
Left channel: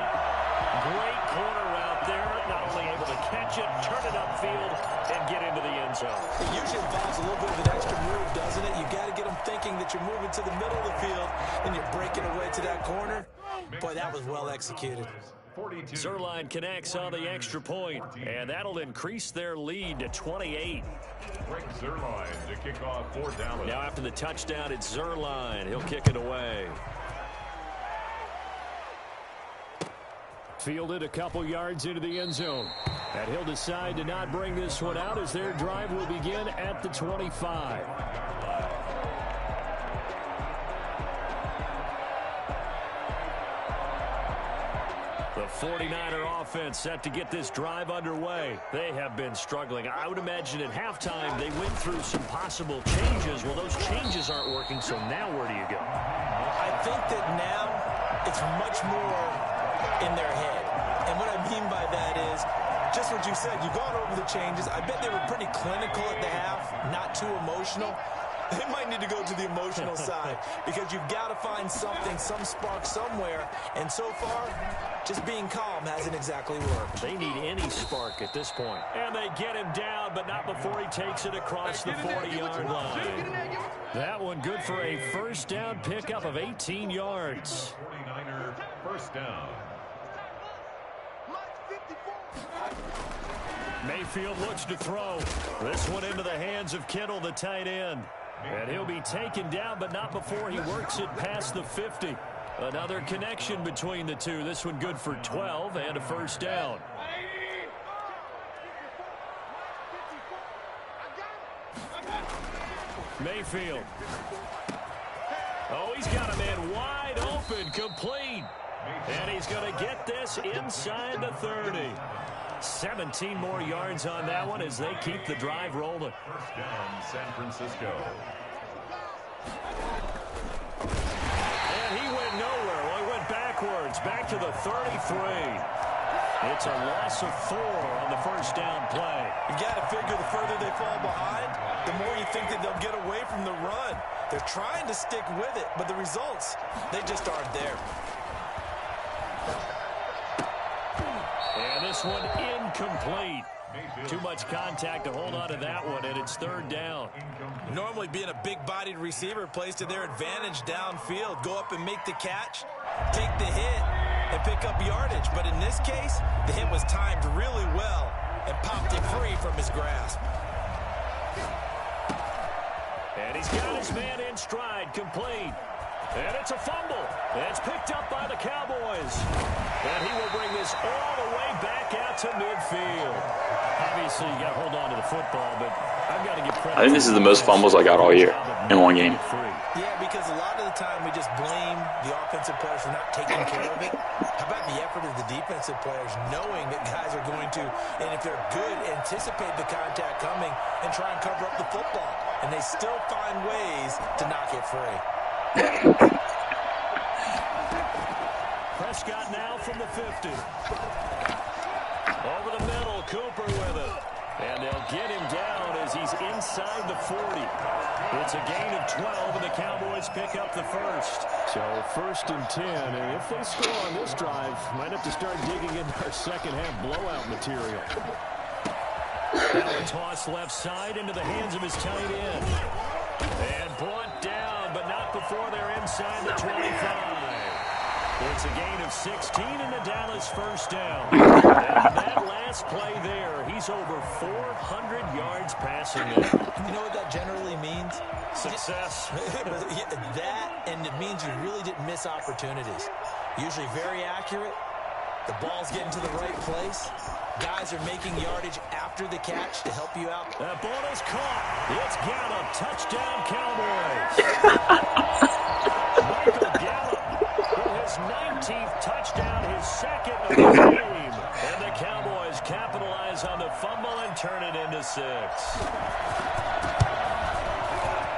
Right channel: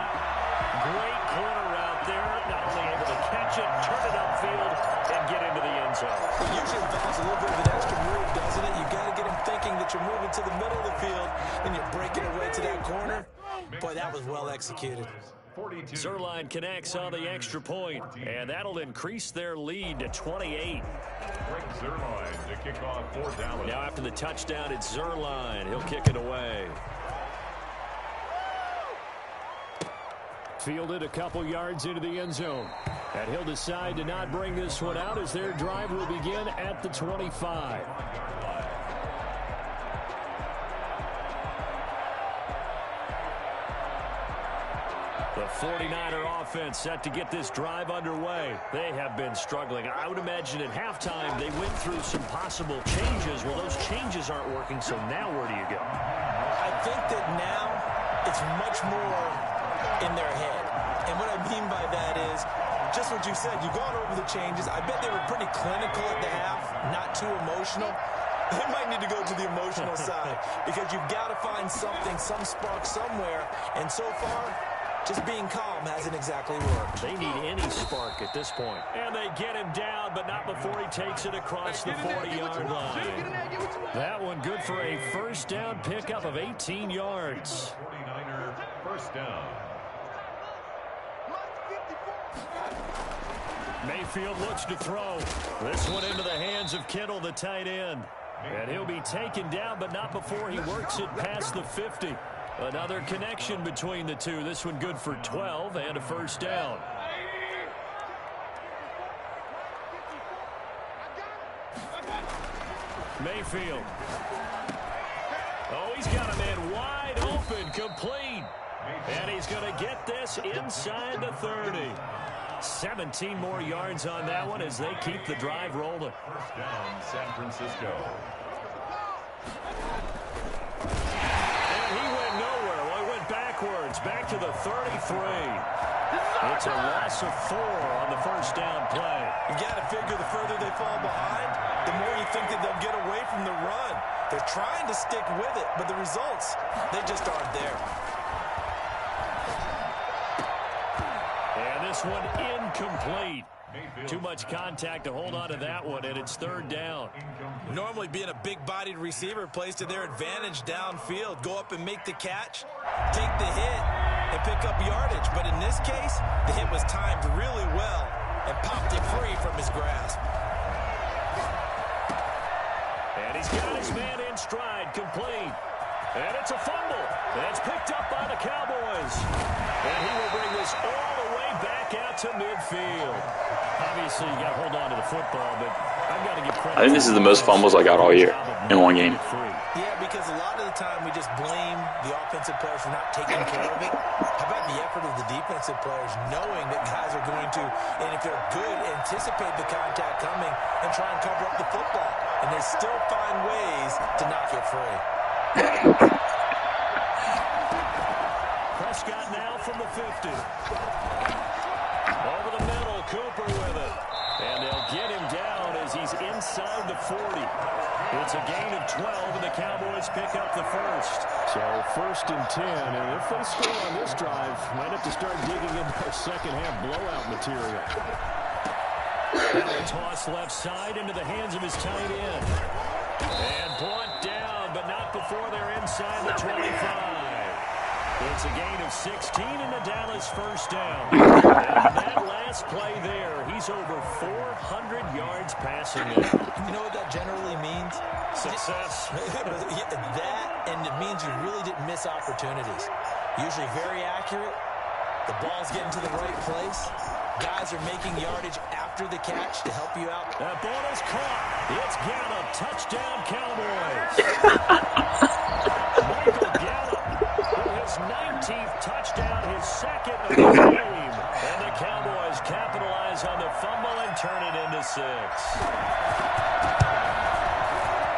Great corner out there, not only able to catch it, turn it upfield, and get into the end zone. It usually involves a little bit of an extra move, doesn't it? You've got to get them thinking that you're moving to the middle of the field and you're breaking away to that corner. Boy, that was well executed. Zerline connects on the extra point, and that'll increase their lead to 28. Greg Zerline to kick off for Dallas. Now after the touchdown, it's Zerline. He'll kick it away. Fielded a couple yards into the end zone. And he'll decide to not bring this one out as their drive will begin at the 25. The 49er offense set to get this drive underway. They have been struggling. I would imagine at halftime they went through some possible changes. Well, those changes aren't working, so now where do you go? I think that now it's much more in their head. And what I mean by that is just what you said. You've gone over the changes. I bet they were pretty clinical at the half, not too emotional. They might need to go to the emotional side because you've got to find something, some spark somewhere. And so far, just being calm hasn't exactly worked. They need any spark at this point. And they get him down, but not before he takes it across the 40-yard line. That one good for a first down pickup of 18 yards. 49er first down. Mayfield looks to throw. This one into the hands of Kittle, the tight end. And he'll be taken down, but not before he works it past the 50. Another connection between the two. This one good for 12 and a first down. Mayfield. Oh, he's got a man wide open, complete. And he's going to get this inside the 30. 17 more yards on that one as they keep the drive rolling. First down, San Francisco. And he went nowhere. Well, he went backwards, back to the 33. It's a loss of 4 on the first down play. You got to figure the further they fall behind, the more you think that they'll get away from the run. They're trying to stick with it, but the results, they just aren't there. And this one incomplete. Too much contact to hold on to that one, and it's third down. Normally being a big-bodied receiver plays to their advantage downfield. Go up and make the catch, take the hit, and pick up yardage. But in this case, the hit was timed really well and popped it free from his grasp. And he's got his man in stride, complete. And it's a fumble. It's picked up by the Cowboys. And he will bring this all the way back out to midfield. Obviously, you got to hold on to the football, but I've got to give credit. I think this is the most fumbles I got all year in one game. Yeah, because a lot of the time we just blame the offensive players for not taking care of it. How about the effort of the defensive players knowing that guys are going to, and if they're good, anticipate the contact coming and try and cover up the football. And they still find ways to knock it free. Prescott now from the 50. Over the middle, Cooper with it. And they'll get him down as he's inside the 40. It's a gain of 12, and the Cowboys pick up the first. So first and 10, and if they score on this drive, might have to start digging into our second half blowout material. Now a toss left side into the hands of his tight end. And brought down, but not before they're inside the 25. It's a gain of 16 and a Dallas first down. And that last play there, he's over 400 yards passing it. You know what that generally means? Success. That, and it means you really didn't miss opportunities. Usually very accurate, The ball's getting to the right place. Guys are making yardage after the catch to help you out. That ball is caught. It's Gallup. Touchdown, Cowboys. Michael Gallup with his 19th touchdown, his second of the game. And the Cowboys capitalize on the fumble and turn it into 6.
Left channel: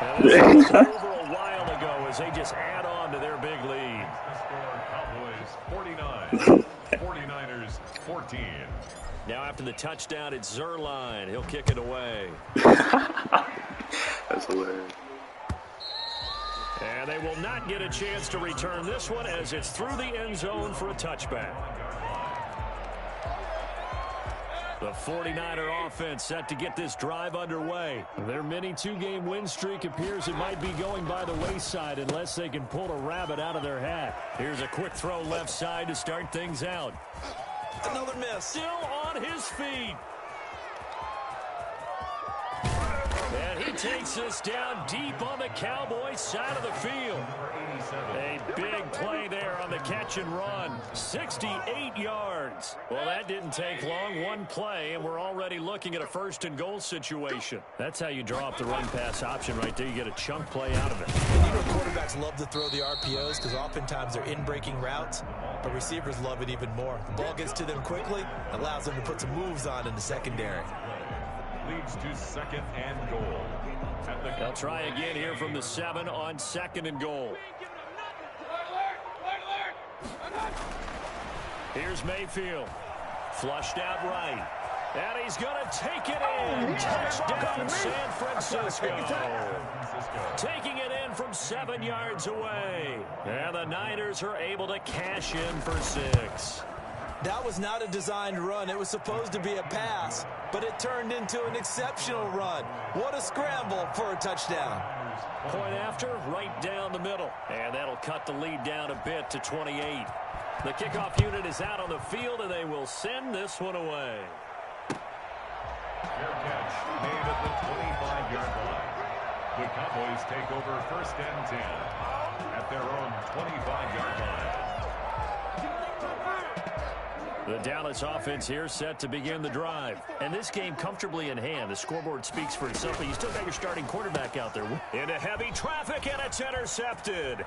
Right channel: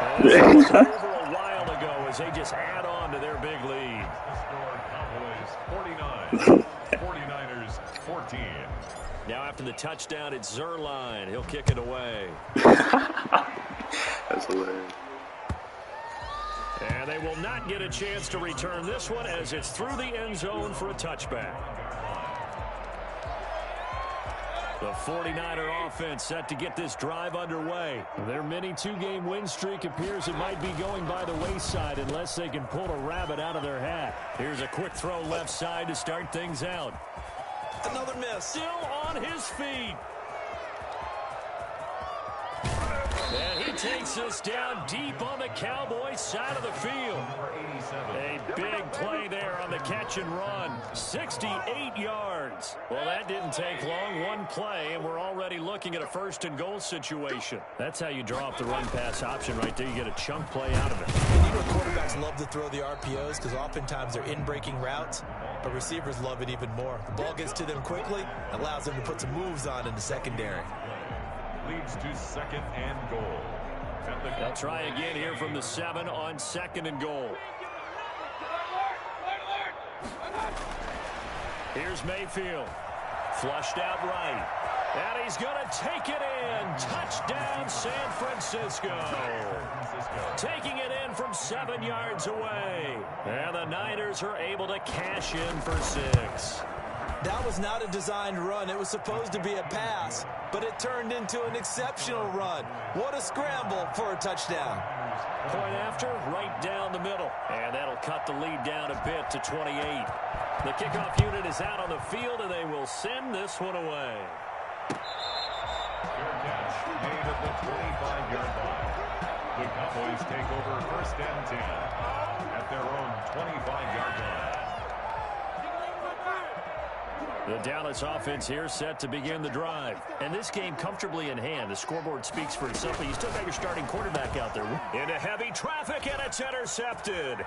And this was over a while ago as they just add on to their big lead. The score, Cowboys 49, 49ers 14. Now after the touchdown, it's Zerline. He'll kick it away. That's hilarious. And they will not get a chance to return this one as it's through the end zone for a touchback. The 49er offense set to get this drive underway. Their mini 2-game win streak appears it might be going by the wayside unless they can pull a rabbit out of their hat. Here's a quick throw left side to start things out. Another miss. Still on his feet. And he takes us down deep on the Cowboys side of the field. A big play there on the catch and run. 68 yards. Well, that didn't take long. One play, and we're already looking at a first-and-goal situation. That's how you draw up the run-pass option right there. You get a chunk play out of it. And you know quarterbacks love to throw the RPOs because oftentimes they're in-breaking routes, but receivers love it even more. The ball gets to them quickly, allows them to put some moves on in the secondary. Leads to 2nd and goal. They'll try again here from the 7 on 2nd and goal. Here's Mayfield. Flushed out right. And he's going to take it in. Touchdown, San Francisco. Taking it in from 7 yards away. And the Niners are able to cash in for 6. That was not a designed run. It was supposed to be a pass, but it turned into an exceptional run. What a scramble for a touchdown. Point after, right down the middle. And that'll cut the lead down a bit to 28. The kickoff unit is out on the field, and they will send this one away. Fair catch made at the 25-yard line. The Cowboys take over 1st and 10 at their own 25-yard line. The Dallas offense here set to begin the drive. And this game comfortably in hand. The scoreboard speaks for itself, but you still got your starting quarterback out there. Into heavy traffic, and it's intercepted.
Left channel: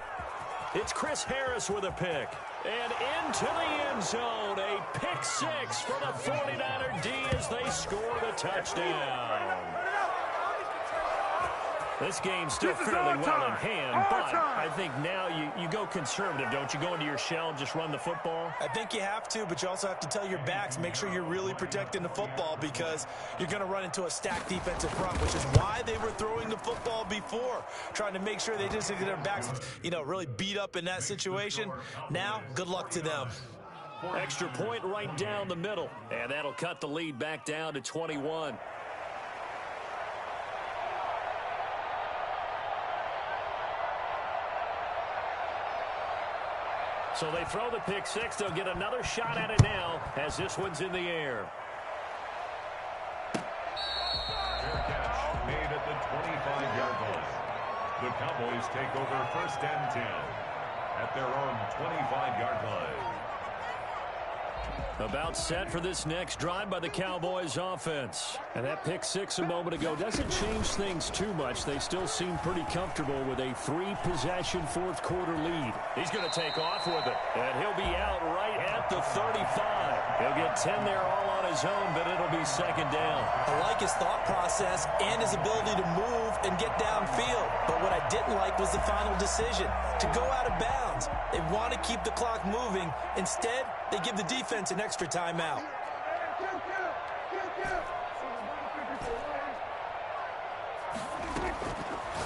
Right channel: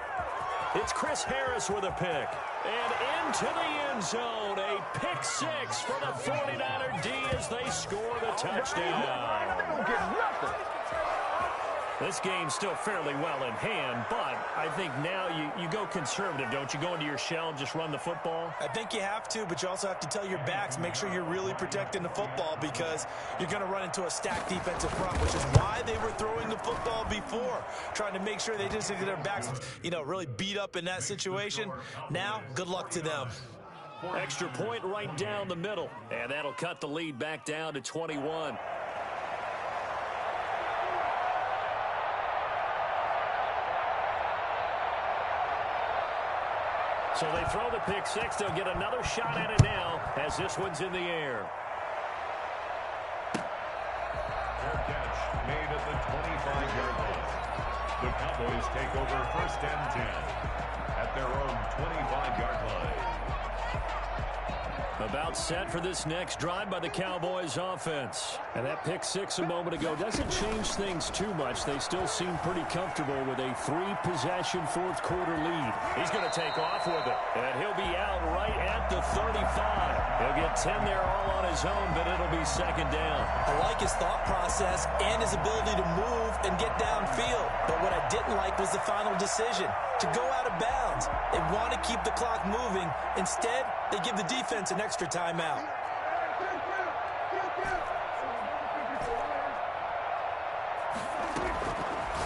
It's Chris Harris with a pick. And into the end zone, a pick 6 for the 49er D as they score the touchdown. This game's still fairly well in hand, but I think now you go conservative, don't you? Go into your shell and just run the football? I think you have to, but you also have to tell your backs, make sure you're really protecting the football because you're going to run into a stacked defensive front, which is why they were throwing the football before, trying to make sure they just get their backs, really beat up in that situation. Now, good luck to them. Extra point right down the middle, and that'll cut the lead back down to 21. So they throw the pick 6. They'll get another shot at it now as this one's in the air. Fair catch made at the 25-yard line. The Cowboys take over 1st and 10 at their own 25-yard line. About set for this next drive by the Cowboys offense. And that pick 6 a moment ago doesn't change things too much. They still seem pretty comfortable with a 3-possession fourth-quarter lead. He's going to take off with it. And he'll be out right at the 35. He'll get 10 there all on his own, but it'll be 2nd down. I like his thought process and his ability to move and get downfield. But what I didn't like was the final decision to go out of bounds. They want to keep the clock moving. Instead, they give the defense an extra timeout.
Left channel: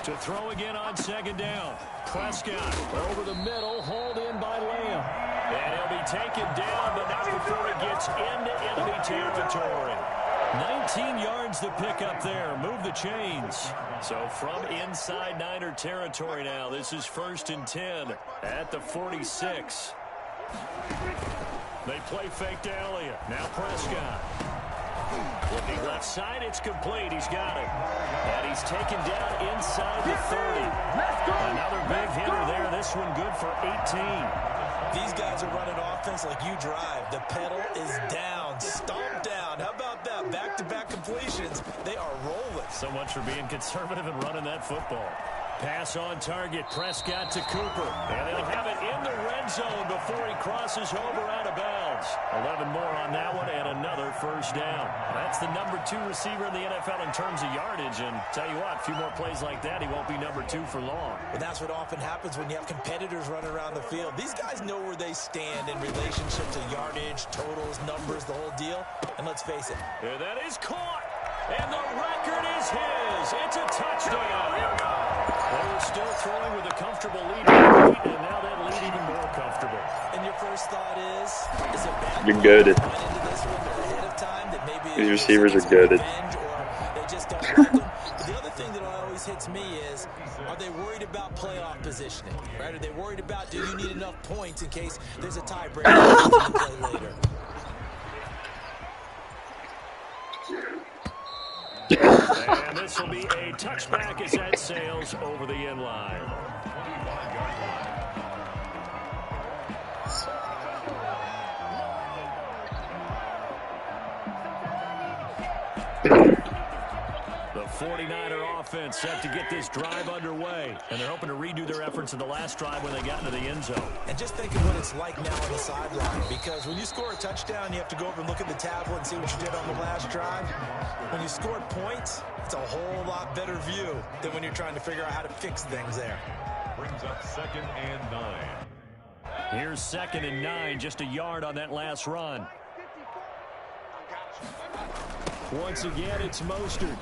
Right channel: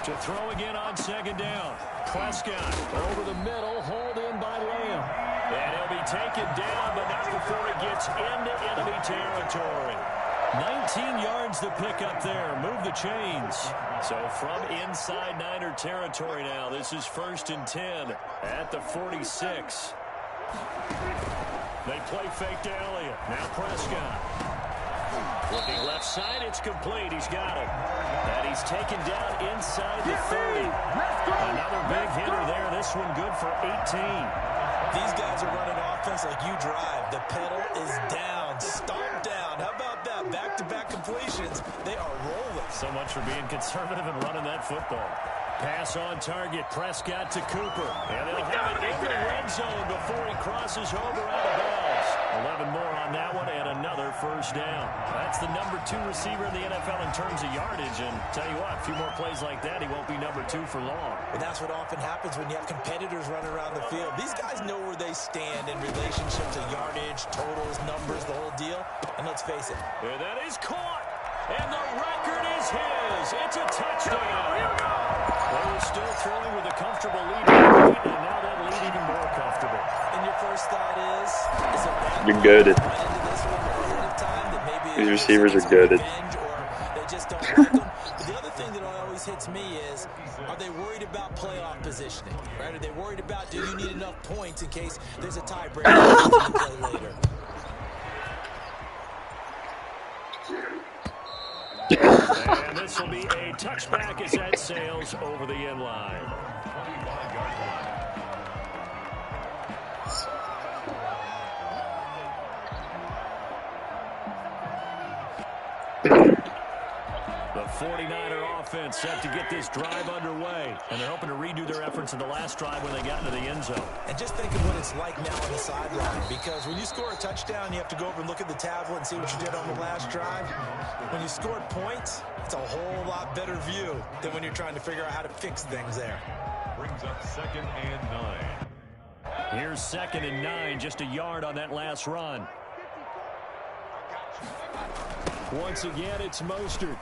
To throw again on 2nd down. Prescott over the middle, hauled in by Lamb. And he'll be taken down, but not before he gets into enemy territory. 19 yards to pick up there. Move the chains. So from inside Niner territory now, this is 1st and 10 at the 46. They play fake to Elliott. Now Prescott. Looking left side, it's complete. He's got it. And he's taken down inside the 30. Another big hitter there. This one good for 18. These guys are running offense like you drive. The pedal is down, stomped down. How about that? Back-to-back completions. They are rolling. So much for being conservative and running that football. Pass on target, Prescott to Cooper. And they'll have it in the red zone before he crosses over out of bounds. 11 more on that one and another first down. That's the number 2 receiver in the NFL in terms of yardage. And tell you what, a few more plays like that, he won't be number 2 for long. Well, that's what often happens when you have competitors running around the field. These guys know where they stand in relationship to yardage, totals, numbers, the whole deal. And let's face it. And that is caught. And the record is his. It's a touchdown. They were still throwing with a comfortable lead, and now that lead even more comfortable. And your first thought is it bad? You're good. These receivers are good. Or they just don't like them. But the other thing that always hits me is, are they worried about playoff positioning? Right? Are they worried about, do you need enough points in case there's a tiebreaker to play later? And this will be a touchback as that sails over the end line. 25-yard line. The 49er offense set to get this drive underway. And they're hoping to redo their efforts in the last drive when they got into the end zone. And just think of what it's like now on the sideline. Because when you score a touchdown, you have to go over and look at the tablet and see what you did on the last drive. When you scored points, it's a whole lot better view than when you're trying to figure out how to fix things there. Brings up 2nd and 9. Here's 2nd and 9, just a yard on that last run. Once again, it's Mostert.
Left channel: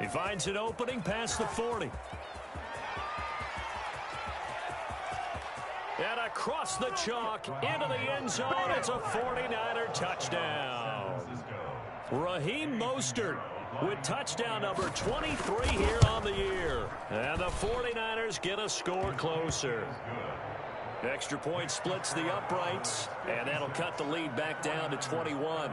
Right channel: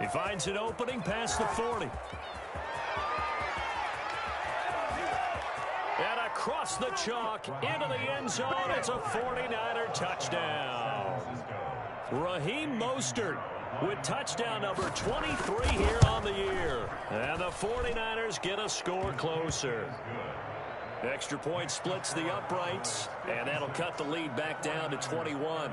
He finds an opening past the 40. And across the chalk, into the end zone, it's a 49er touchdown. Raheem Mostert with touchdown number 23 here on the year. And the 49ers get a score closer. Extra point splits the uprights, and that'll cut the lead back down to 21.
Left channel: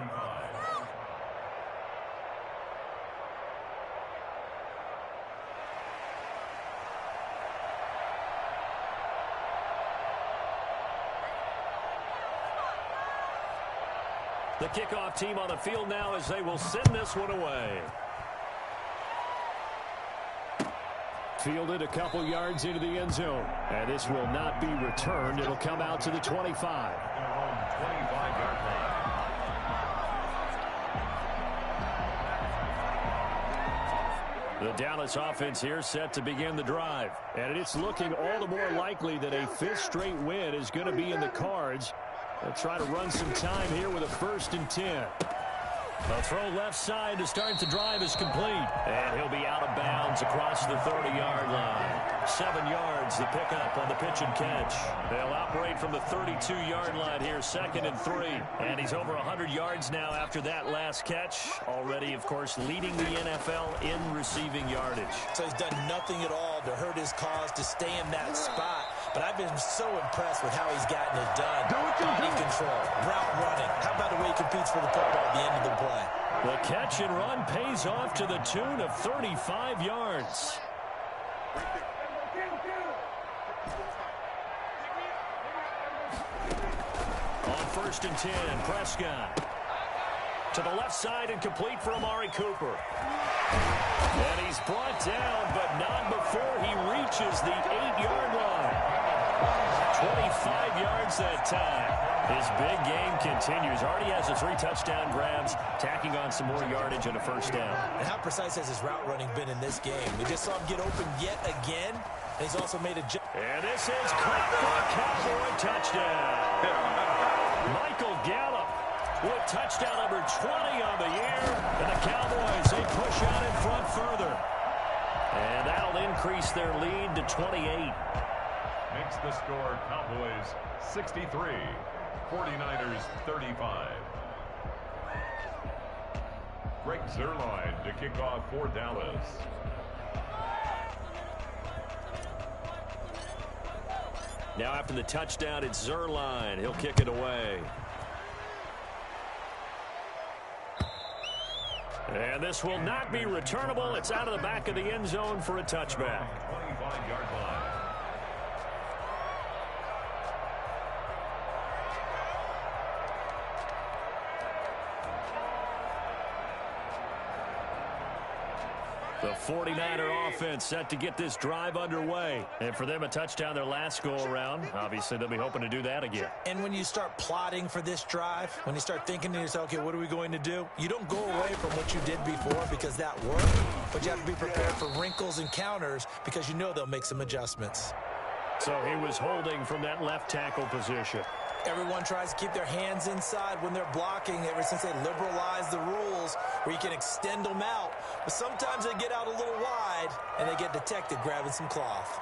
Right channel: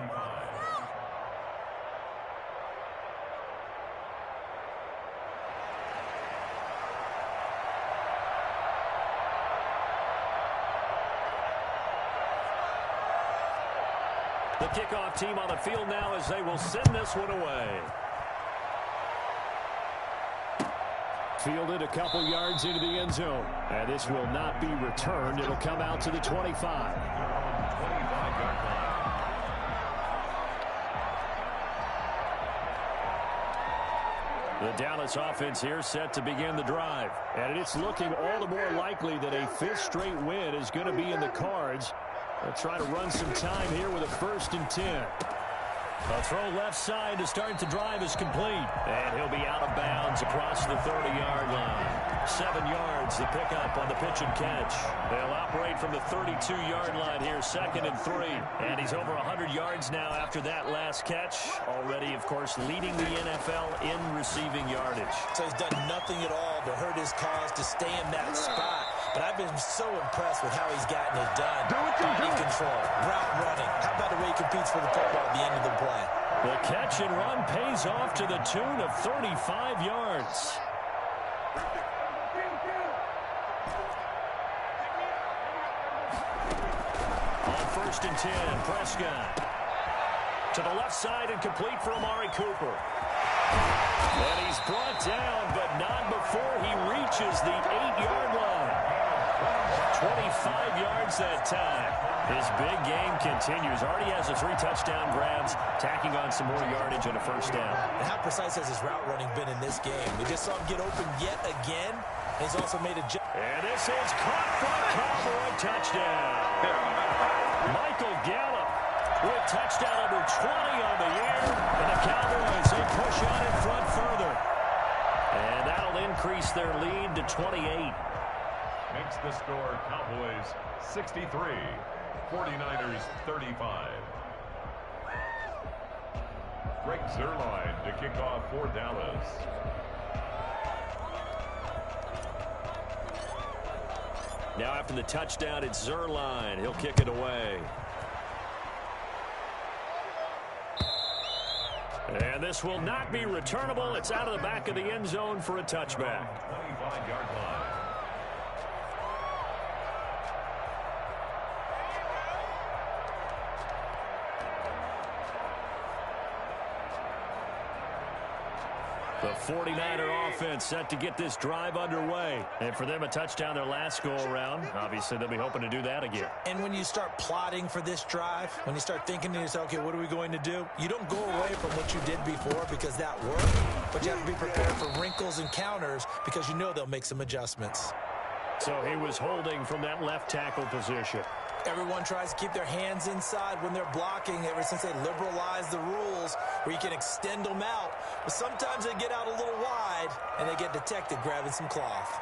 The kickoff team on the field now as they will send this one away. Fielded a couple yards into the end zone. And this will not be returned. It'll come out to the 25. Their own 25-yard line. The Dallas offense here set to begin the drive. And it's looking all the more likely that a 5th straight win is going to be in the cards. They'll try to run some time here with a 1st and 10. A throw left side to start the drive is complete. And he'll be out of bounds across the 30-yard line. 7 yards, the pickup on the pitch and catch. They'll operate from the 32-yard line here, 2nd and 3. And he's over 100 yards now after that last catch. Already, of course, leading the NFL in receiving yardage. So he's done nothing at all to hurt his cause to stay in that spot. But I've been so impressed with how he's gotten it done. Body control, route running. How about the way he competes for the football at the end of the play? The catch and run pays off to the tune of 35 yards. On 1st and 10, Prescott. To the left side and complete for Amari Cooper. And he's brought down, but not before he reaches the 8-yard line. 25 yards that time. His big game continues. Already has the 3 touchdown grabs, tacking on some more yardage and a 1st down. And how precise has his route running been in this game? We just saw him get open yet again. And he's also made a jump. And this is caught for a Cowboy touchdown. Michael Gallup with touchdown number 20 on the year. And the Cowboys, they push out in front further. And that'll increase their lead to 28. Makes the score Cowboys 63, 49ers 35. Greg Zuerlein to kick off for Dallas. Now after the touchdown, it's Zuerlein. He'll kick it away. And this will not be returnable. It's out of the back of the end zone for a touchback. 25-yard line. The 49er offense set to get this drive underway. And for them, a touchdown their last go-around. Obviously, they'll be hoping to do that again. And when you start plotting for this drive, when you start thinking to yourself, okay, what are we going to do? You don't go away from what you did before because that worked, but you have to be prepared for wrinkles and counters because you know they'll make some adjustments. So he was holding from that left tackle position. Everyone tries to keep their hands inside when they're blocking ever since they liberalized the rules where you can extend them out. But sometimes they get out a little wide and they get detected grabbing some cloth.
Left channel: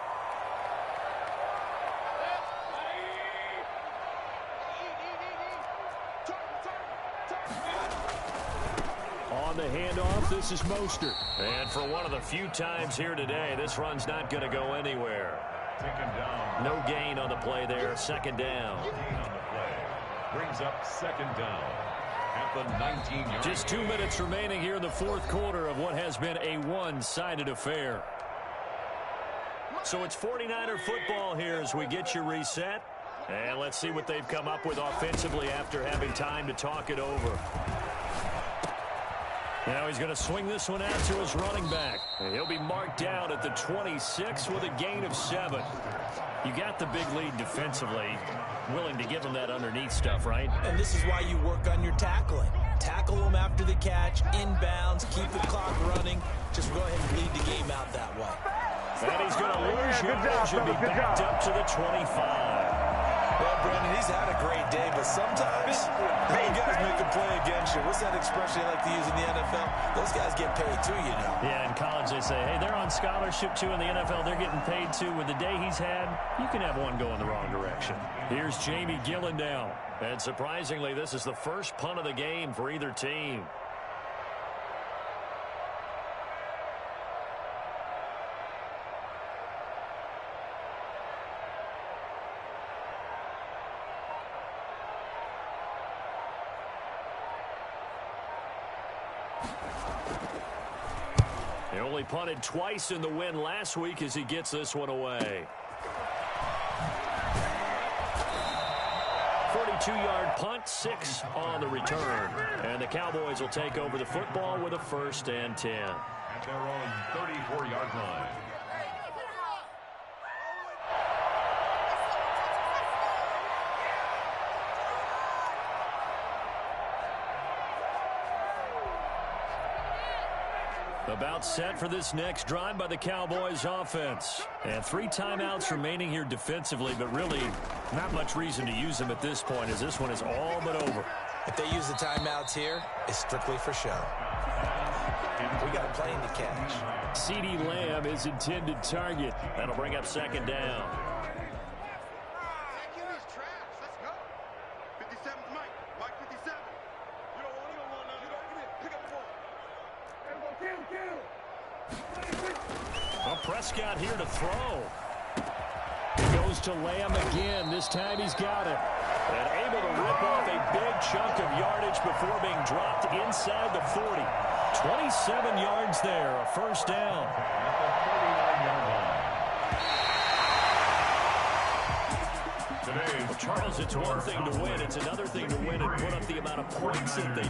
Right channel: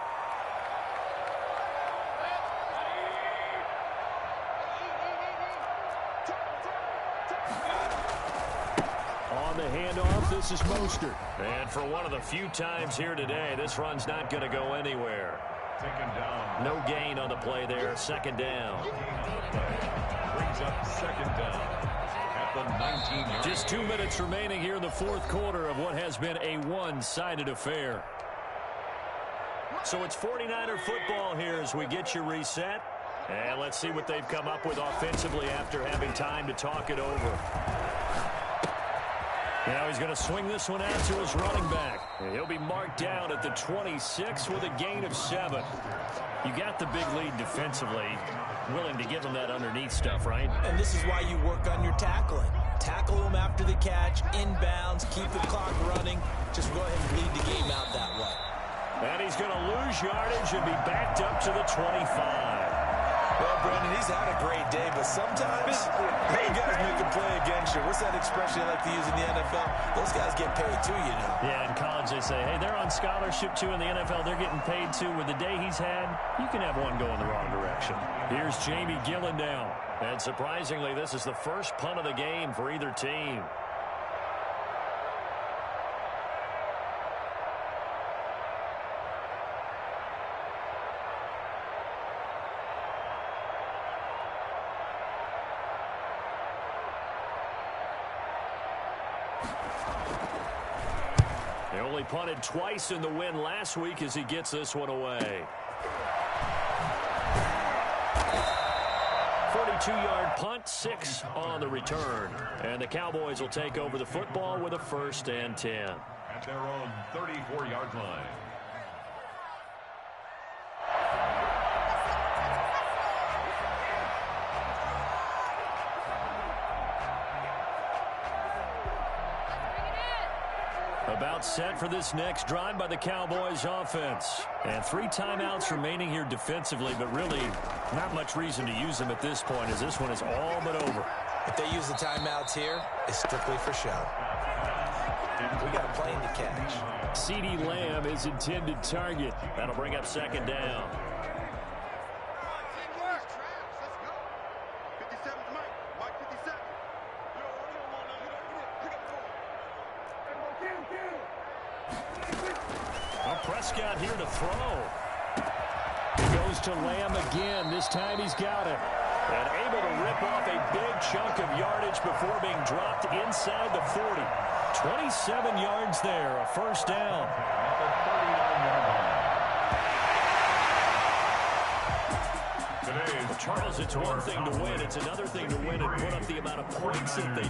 On the handoff, this is Mostert. And for one of the few times here today, this run's not going to go anywhere. Taken down. No gain on the play there. Second down. Gain on the play. Brings up second down at the 19-yard. Just 2 minutes remaining here in the fourth quarter of what has been a one-sided affair. So it's 49er football here as we get you reset. And let's see what they've come up with offensively after having time to talk it over. Now he's going to swing this one out to his running back. He'll be marked down at the 26 with a gain of 7. You got the big lead defensively. Willing to give him that underneath stuff, right? And this is why you work on your tackling. Tackle them after the catch, inbounds, keep the clock running. Just go ahead and lead the game out that way. And he's going to lose yardage and be backed up to the 25. Well, Brandon, he's had a great day, but sometimes those guys make a play against you. What's that expression they like to use in the NFL? Those guys get paid too, you know. Yeah, in college they say, hey, they're on scholarship too. In the NFL, they're getting paid too. With the day he's had, you can have one going the wrong direction. Here's Jamie Gillen now. And surprisingly, this is the first punt of the game for either team. He only punted twice in the win last week as he gets this one away. 42-yard punt, 6 on the return. And the Cowboys will take over the football with a 1st and 10. At their own 34-yard line. About set for this next drive by the Cowboys offense. And 3 timeouts remaining here defensively, but really not much reason to use them at this point as this one is all but over. If they use the timeouts here, it's strictly for show. We got a plane to catch. CeeDee Lamb is intended target. That'll bring up second down. Well, Prescott here to throw. He goes to Lamb again. This time he's got it. And able to rip off a big chunk of yardage before being dropped inside the 40. 27 yards there, a 1st down. At the 39-yard line. Well, Charles, it's one thing to win. It's another thing to win and put up the amount of points that they